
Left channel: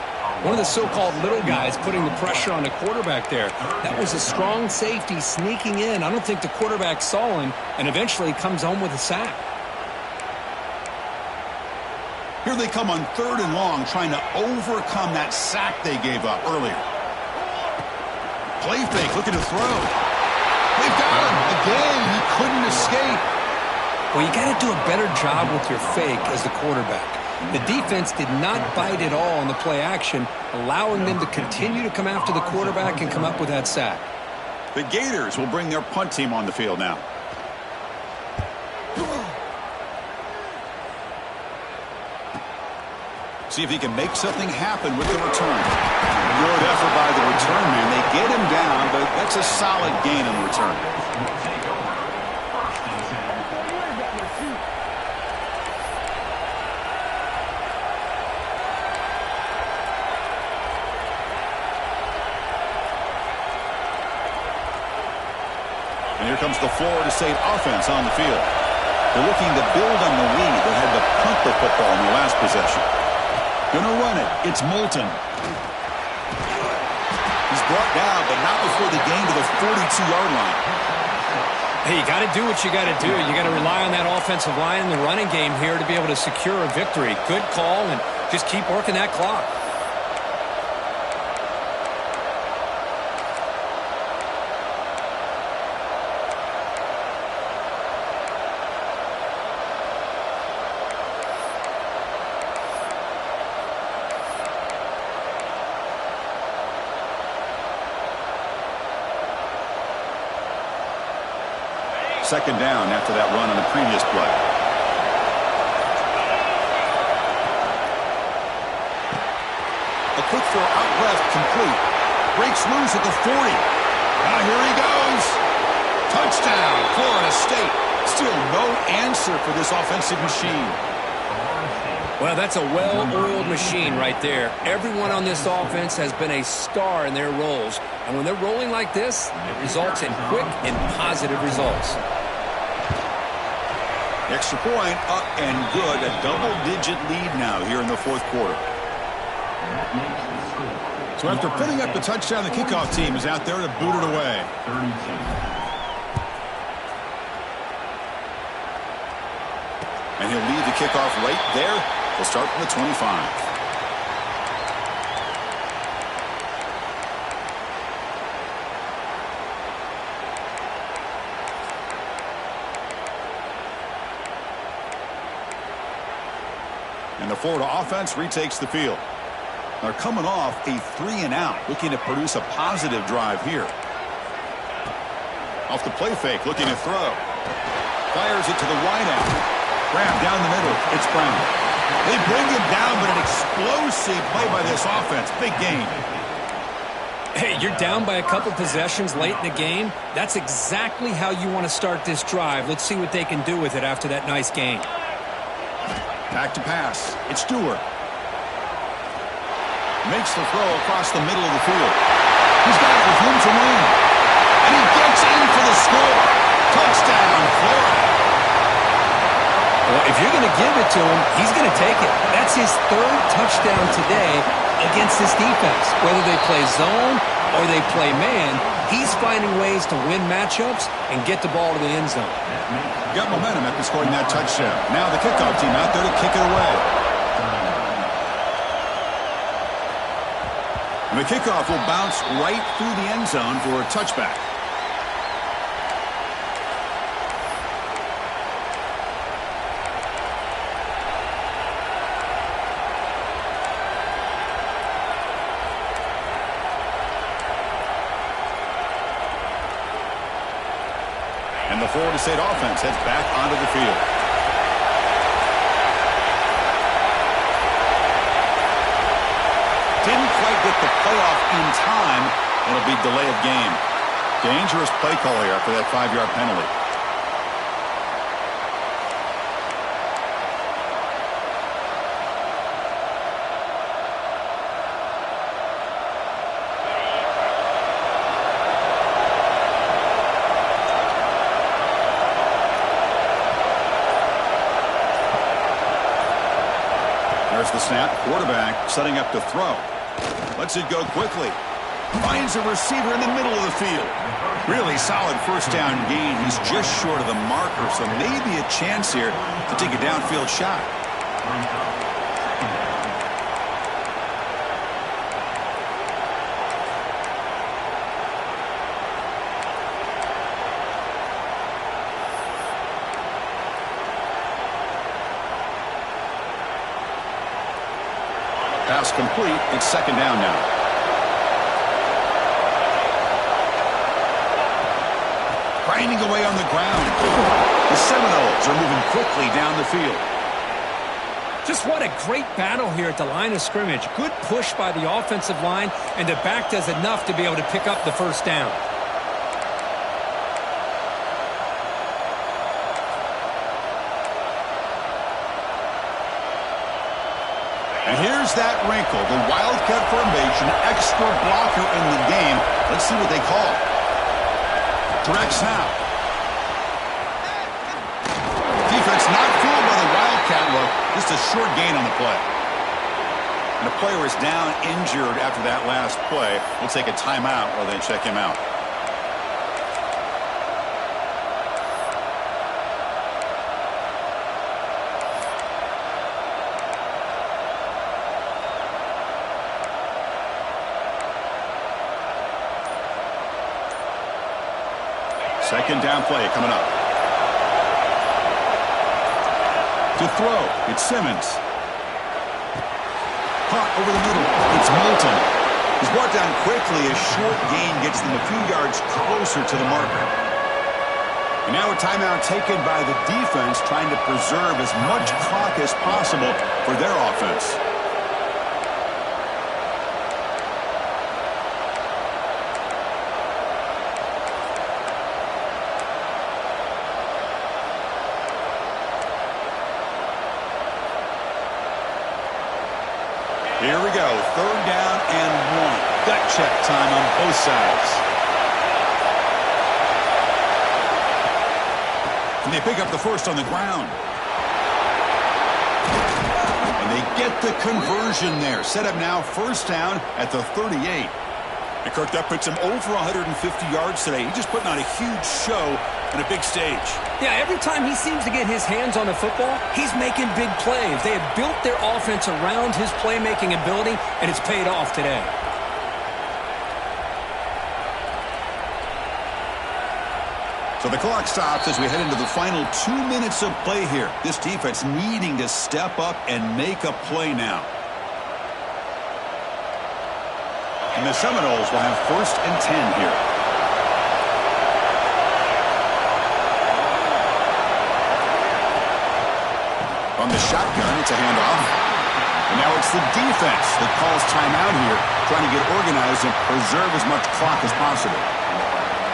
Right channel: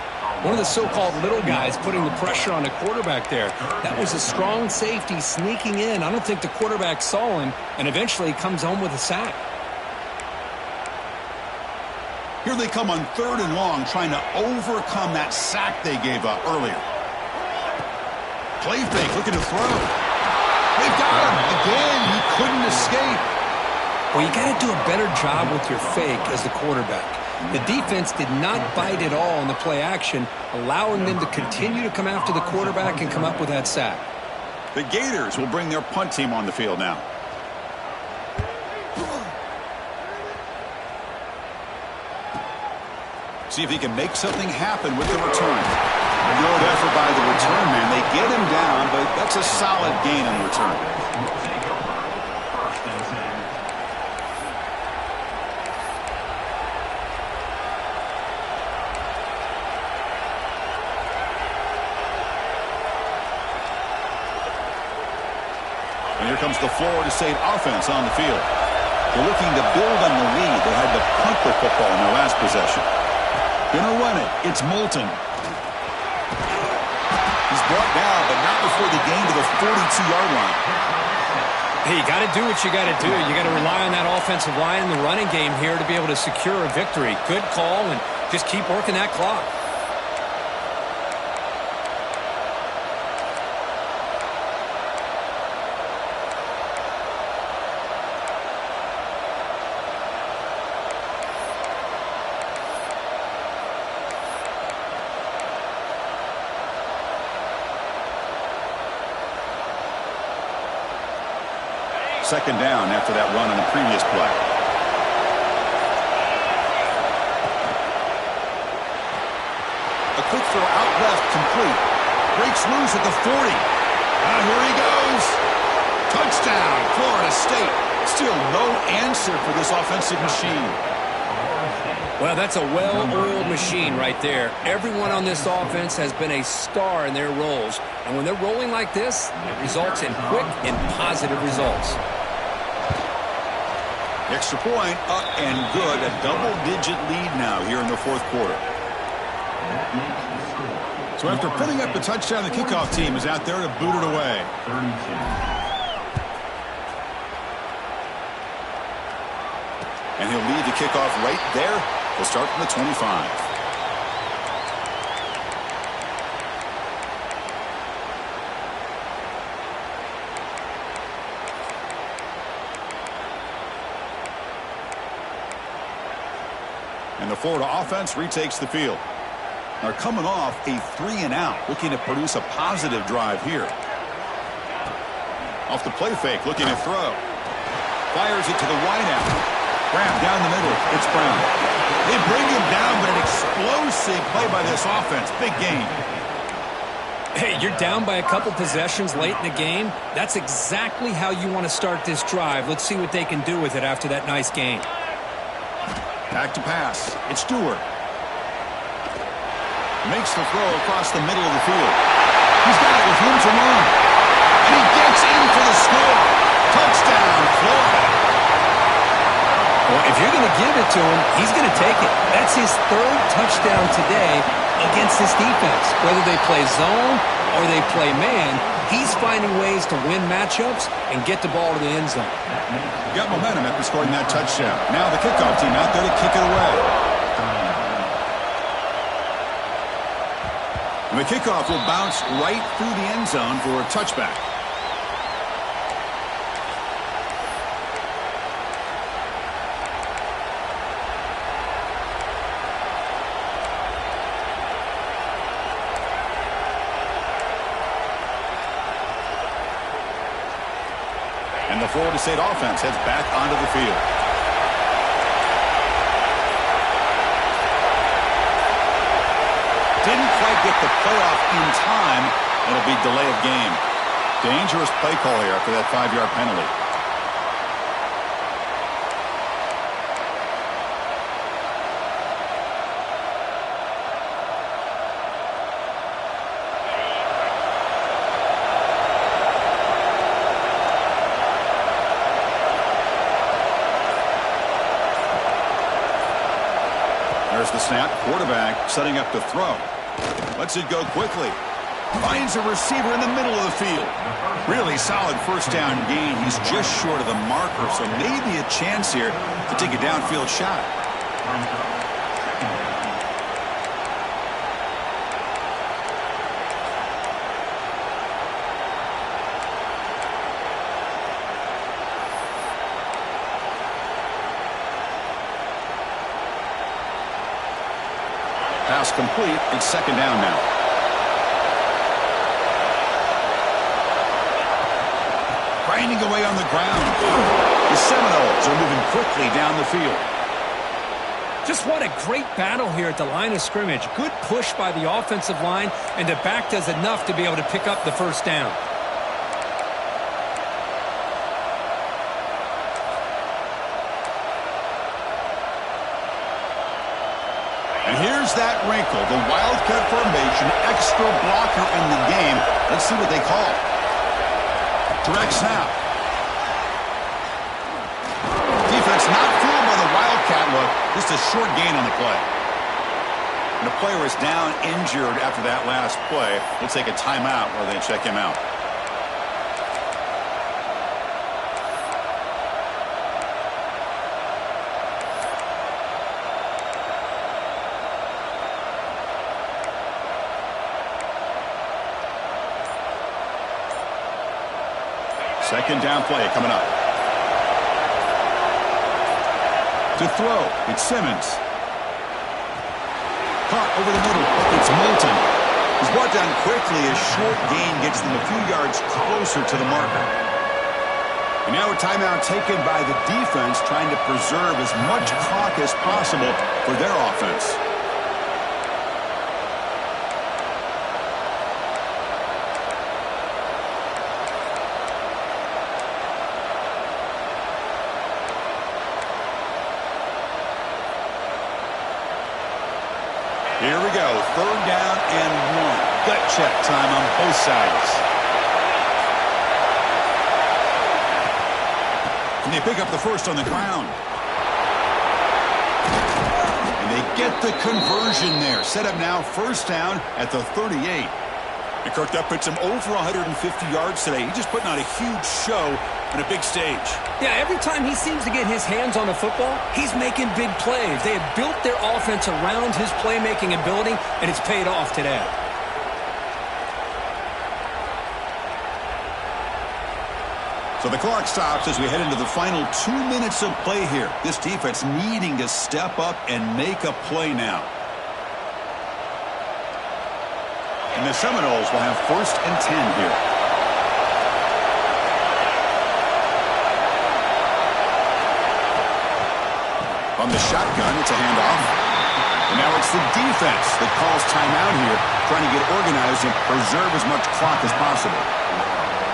One of the so-called little guys putting the pressure on the quarterback there. That was a strong safety sneaking in. I don't think the quarterback saw him, and eventually he comes home with a sack. Here they come on 3rd and long, trying to overcome that sack they gave up earlier. Play fake, looking to throw. They've got him. Again, he couldn't escape. Well, you got to do a better job with your fake as the quarterback. The defense did not bite at all on the play action, allowing them to continue to come after the quarterback and come up with that sack. The Gators will bring their punt team on the field now. See if he can make something happen with the return. Good effort by the return man. They get him down, but that's a solid gain on the return. And here comes the Florida State offense on the field. They're looking to build on the lead. They had to punt the football in their last possession. Gonna run it. It's Moulton. He's brought down, but not before the gain to the 42-yard line. Hey, you got to do what you got to do. You got to rely on that offensive line in the running game here to be able to secure a victory. Good call, and just keep working that clock. Second down after that run on the previous play. A quick throw out left, complete. Breaks loose at the 40. Here he goes. Touchdown, Florida State. Still no answer for this offensive machine. Well, that's a well-oiled machine right there. Everyone on this offense has been a star in their roles. And when they're rolling like this, it results in quick and positive results. Extra point, up and good. A double-digit lead now here in the 4th quarter. So after putting up the touchdown, the kickoff team is out there to boot it away. 32. And he'll lead the kickoff right there. He'll start from the 25. And the Florida offense retakes the field. They're coming off a 3-and-out, looking to produce a positive drive here. Off the play fake, looking to throw. Fires it to the wideout. Grab down the middle. It's Brown. They bring him down, but an explosive play by this offense. Big gain. Hey, you're down by a couple possessions late in the game. That's exactly how you want to start this drive. Let's see what they can do with it after that nice gain. Back to pass. It's Stewart. Makes the throw across the middle of the field. He's got it with room to run. And he gets in for the score. Touchdown, Florida. Well, if you're going to give it to him, he's going to take it. That's his third touchdown today against this defense. Whether they play zone or they play man, he's finding ways to win matchups and get the ball to the end zone. Got momentum after scoring that touchdown. Now the kickoff team out there to kick it away. And the kickoff will bounce right through the end zone for a touchback. And the Florida State offense heads back onto the field. Didn't quite get the playoff in time. It'll be delay of game. Dangerous play call here after that 5-yard penalty. There's the snap. Quarterback setting up to throw. Lets it go quickly. Finds a receiver in the middle of the field. Really solid first down gain. He's just short of the marker, so maybe a chance here to take a downfield shot. Pass complete. It's second down now. Grinding away on the ground. The Seminoles are moving quickly down the field. Just what a great battle here at the line of scrimmage. Good push by the offensive line, and the back does enough to be able to pick up the first down. And here's that wrinkle, the Wildcat formation, extra blocker in the game. Let's see what they call. Direct snap. Defense not fooled by the Wildcat look. Just a short gain on the play. And the player is down injured after that last play. We'll take a timeout while they check him out. Second down play coming up. To throw, it's Simmons. Caught over the middle, it's Moulton. He's brought down quickly. A short gain gets them a few yards closer to the marker. And now a timeout taken by the defense, trying to preserve as much clock as possible for their offense. Here we go, third down and 1. Gut check time on both sides. And they pick up the first on the ground. And they get the conversion there. Set up now, first down at the 38. And Kirk, that puts him over 150 yards today. He's just putting on a huge show on a big stage. Yeah, every time he seems to get his hands on the football, he's making big plays. They have built their offense around his playmaking ability, and it's paid off today. So the clock stops as we head into the final 2 minutes of play here. This defense needing to step up and make a play now. And the Seminoles will have 1st and 10 here. On the shotgun, it's a handoff. And now it's the defense that calls timeout here, trying to get organized and preserve as much clock as possible.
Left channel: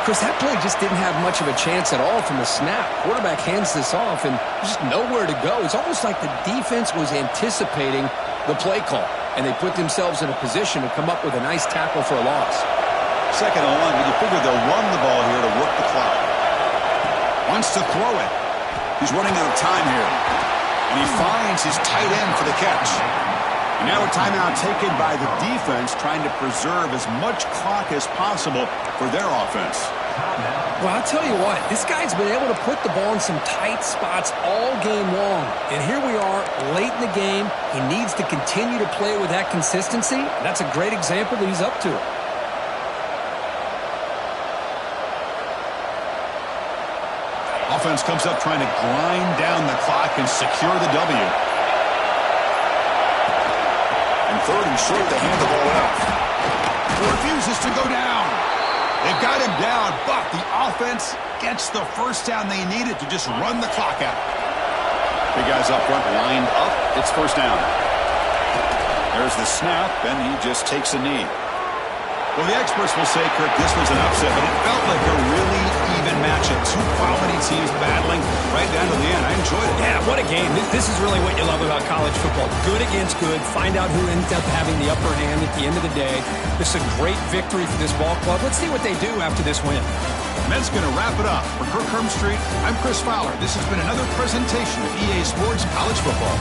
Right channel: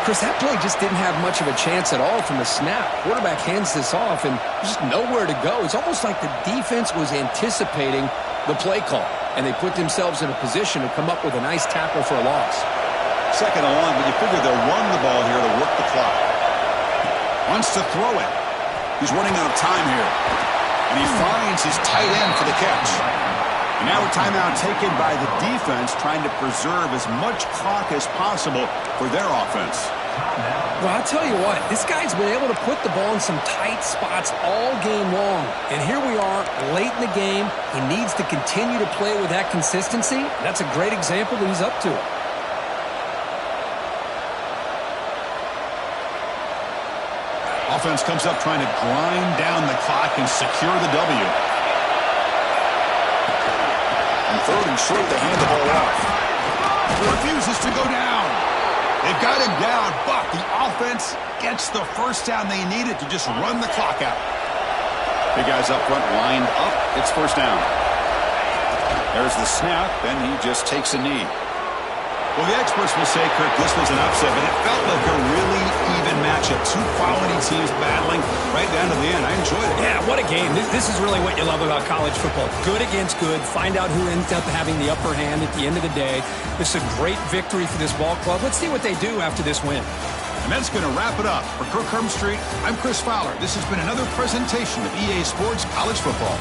Chris, that play just didn't have much of a chance at all from the snap. Quarterback hands this off, and there's just nowhere to go. It's almost like the defense was anticipating the play call, and they put themselves in a position to come up with a nice tackle for a loss. 2nd and long, but you figure they'll run the ball here to work the clock. Wants to throw it. He's running out of time here. And he finds his tight end for the catch. And now a timeout taken by the defense, trying to preserve as much clock as possible for their offense. Well, I'll tell you what, this guy's been able to put the ball in some tight spots all game long. And here we are, late in the game. He needs to continue to play with that consistency. That's a great example that he's up to it. Offense comes up trying to grind down the clock and secure the W. And 3rd and short, they hand the ball off. He refuses to go down. They've got him down, but the offense gets the 1st down they needed to just run the clock out. Big guys up front lined up. It's 1st down. There's the snap, and he just takes a knee. Well, the experts will say, Kirk, this was an upset, but it felt like a really even matchup. 2 quality teams battling right down to the end. I enjoyed it. Yeah, what a game. This is really what you love about college football. Good against good. Find out who ends up having the upper hand at the end of the day. This is a great victory for this ball club. Let's see what they do after this win. And that's going to wrap it up. For Kirk Hermstreet, I'm Chris Fowler. This has been another presentation of EA Sports College Football.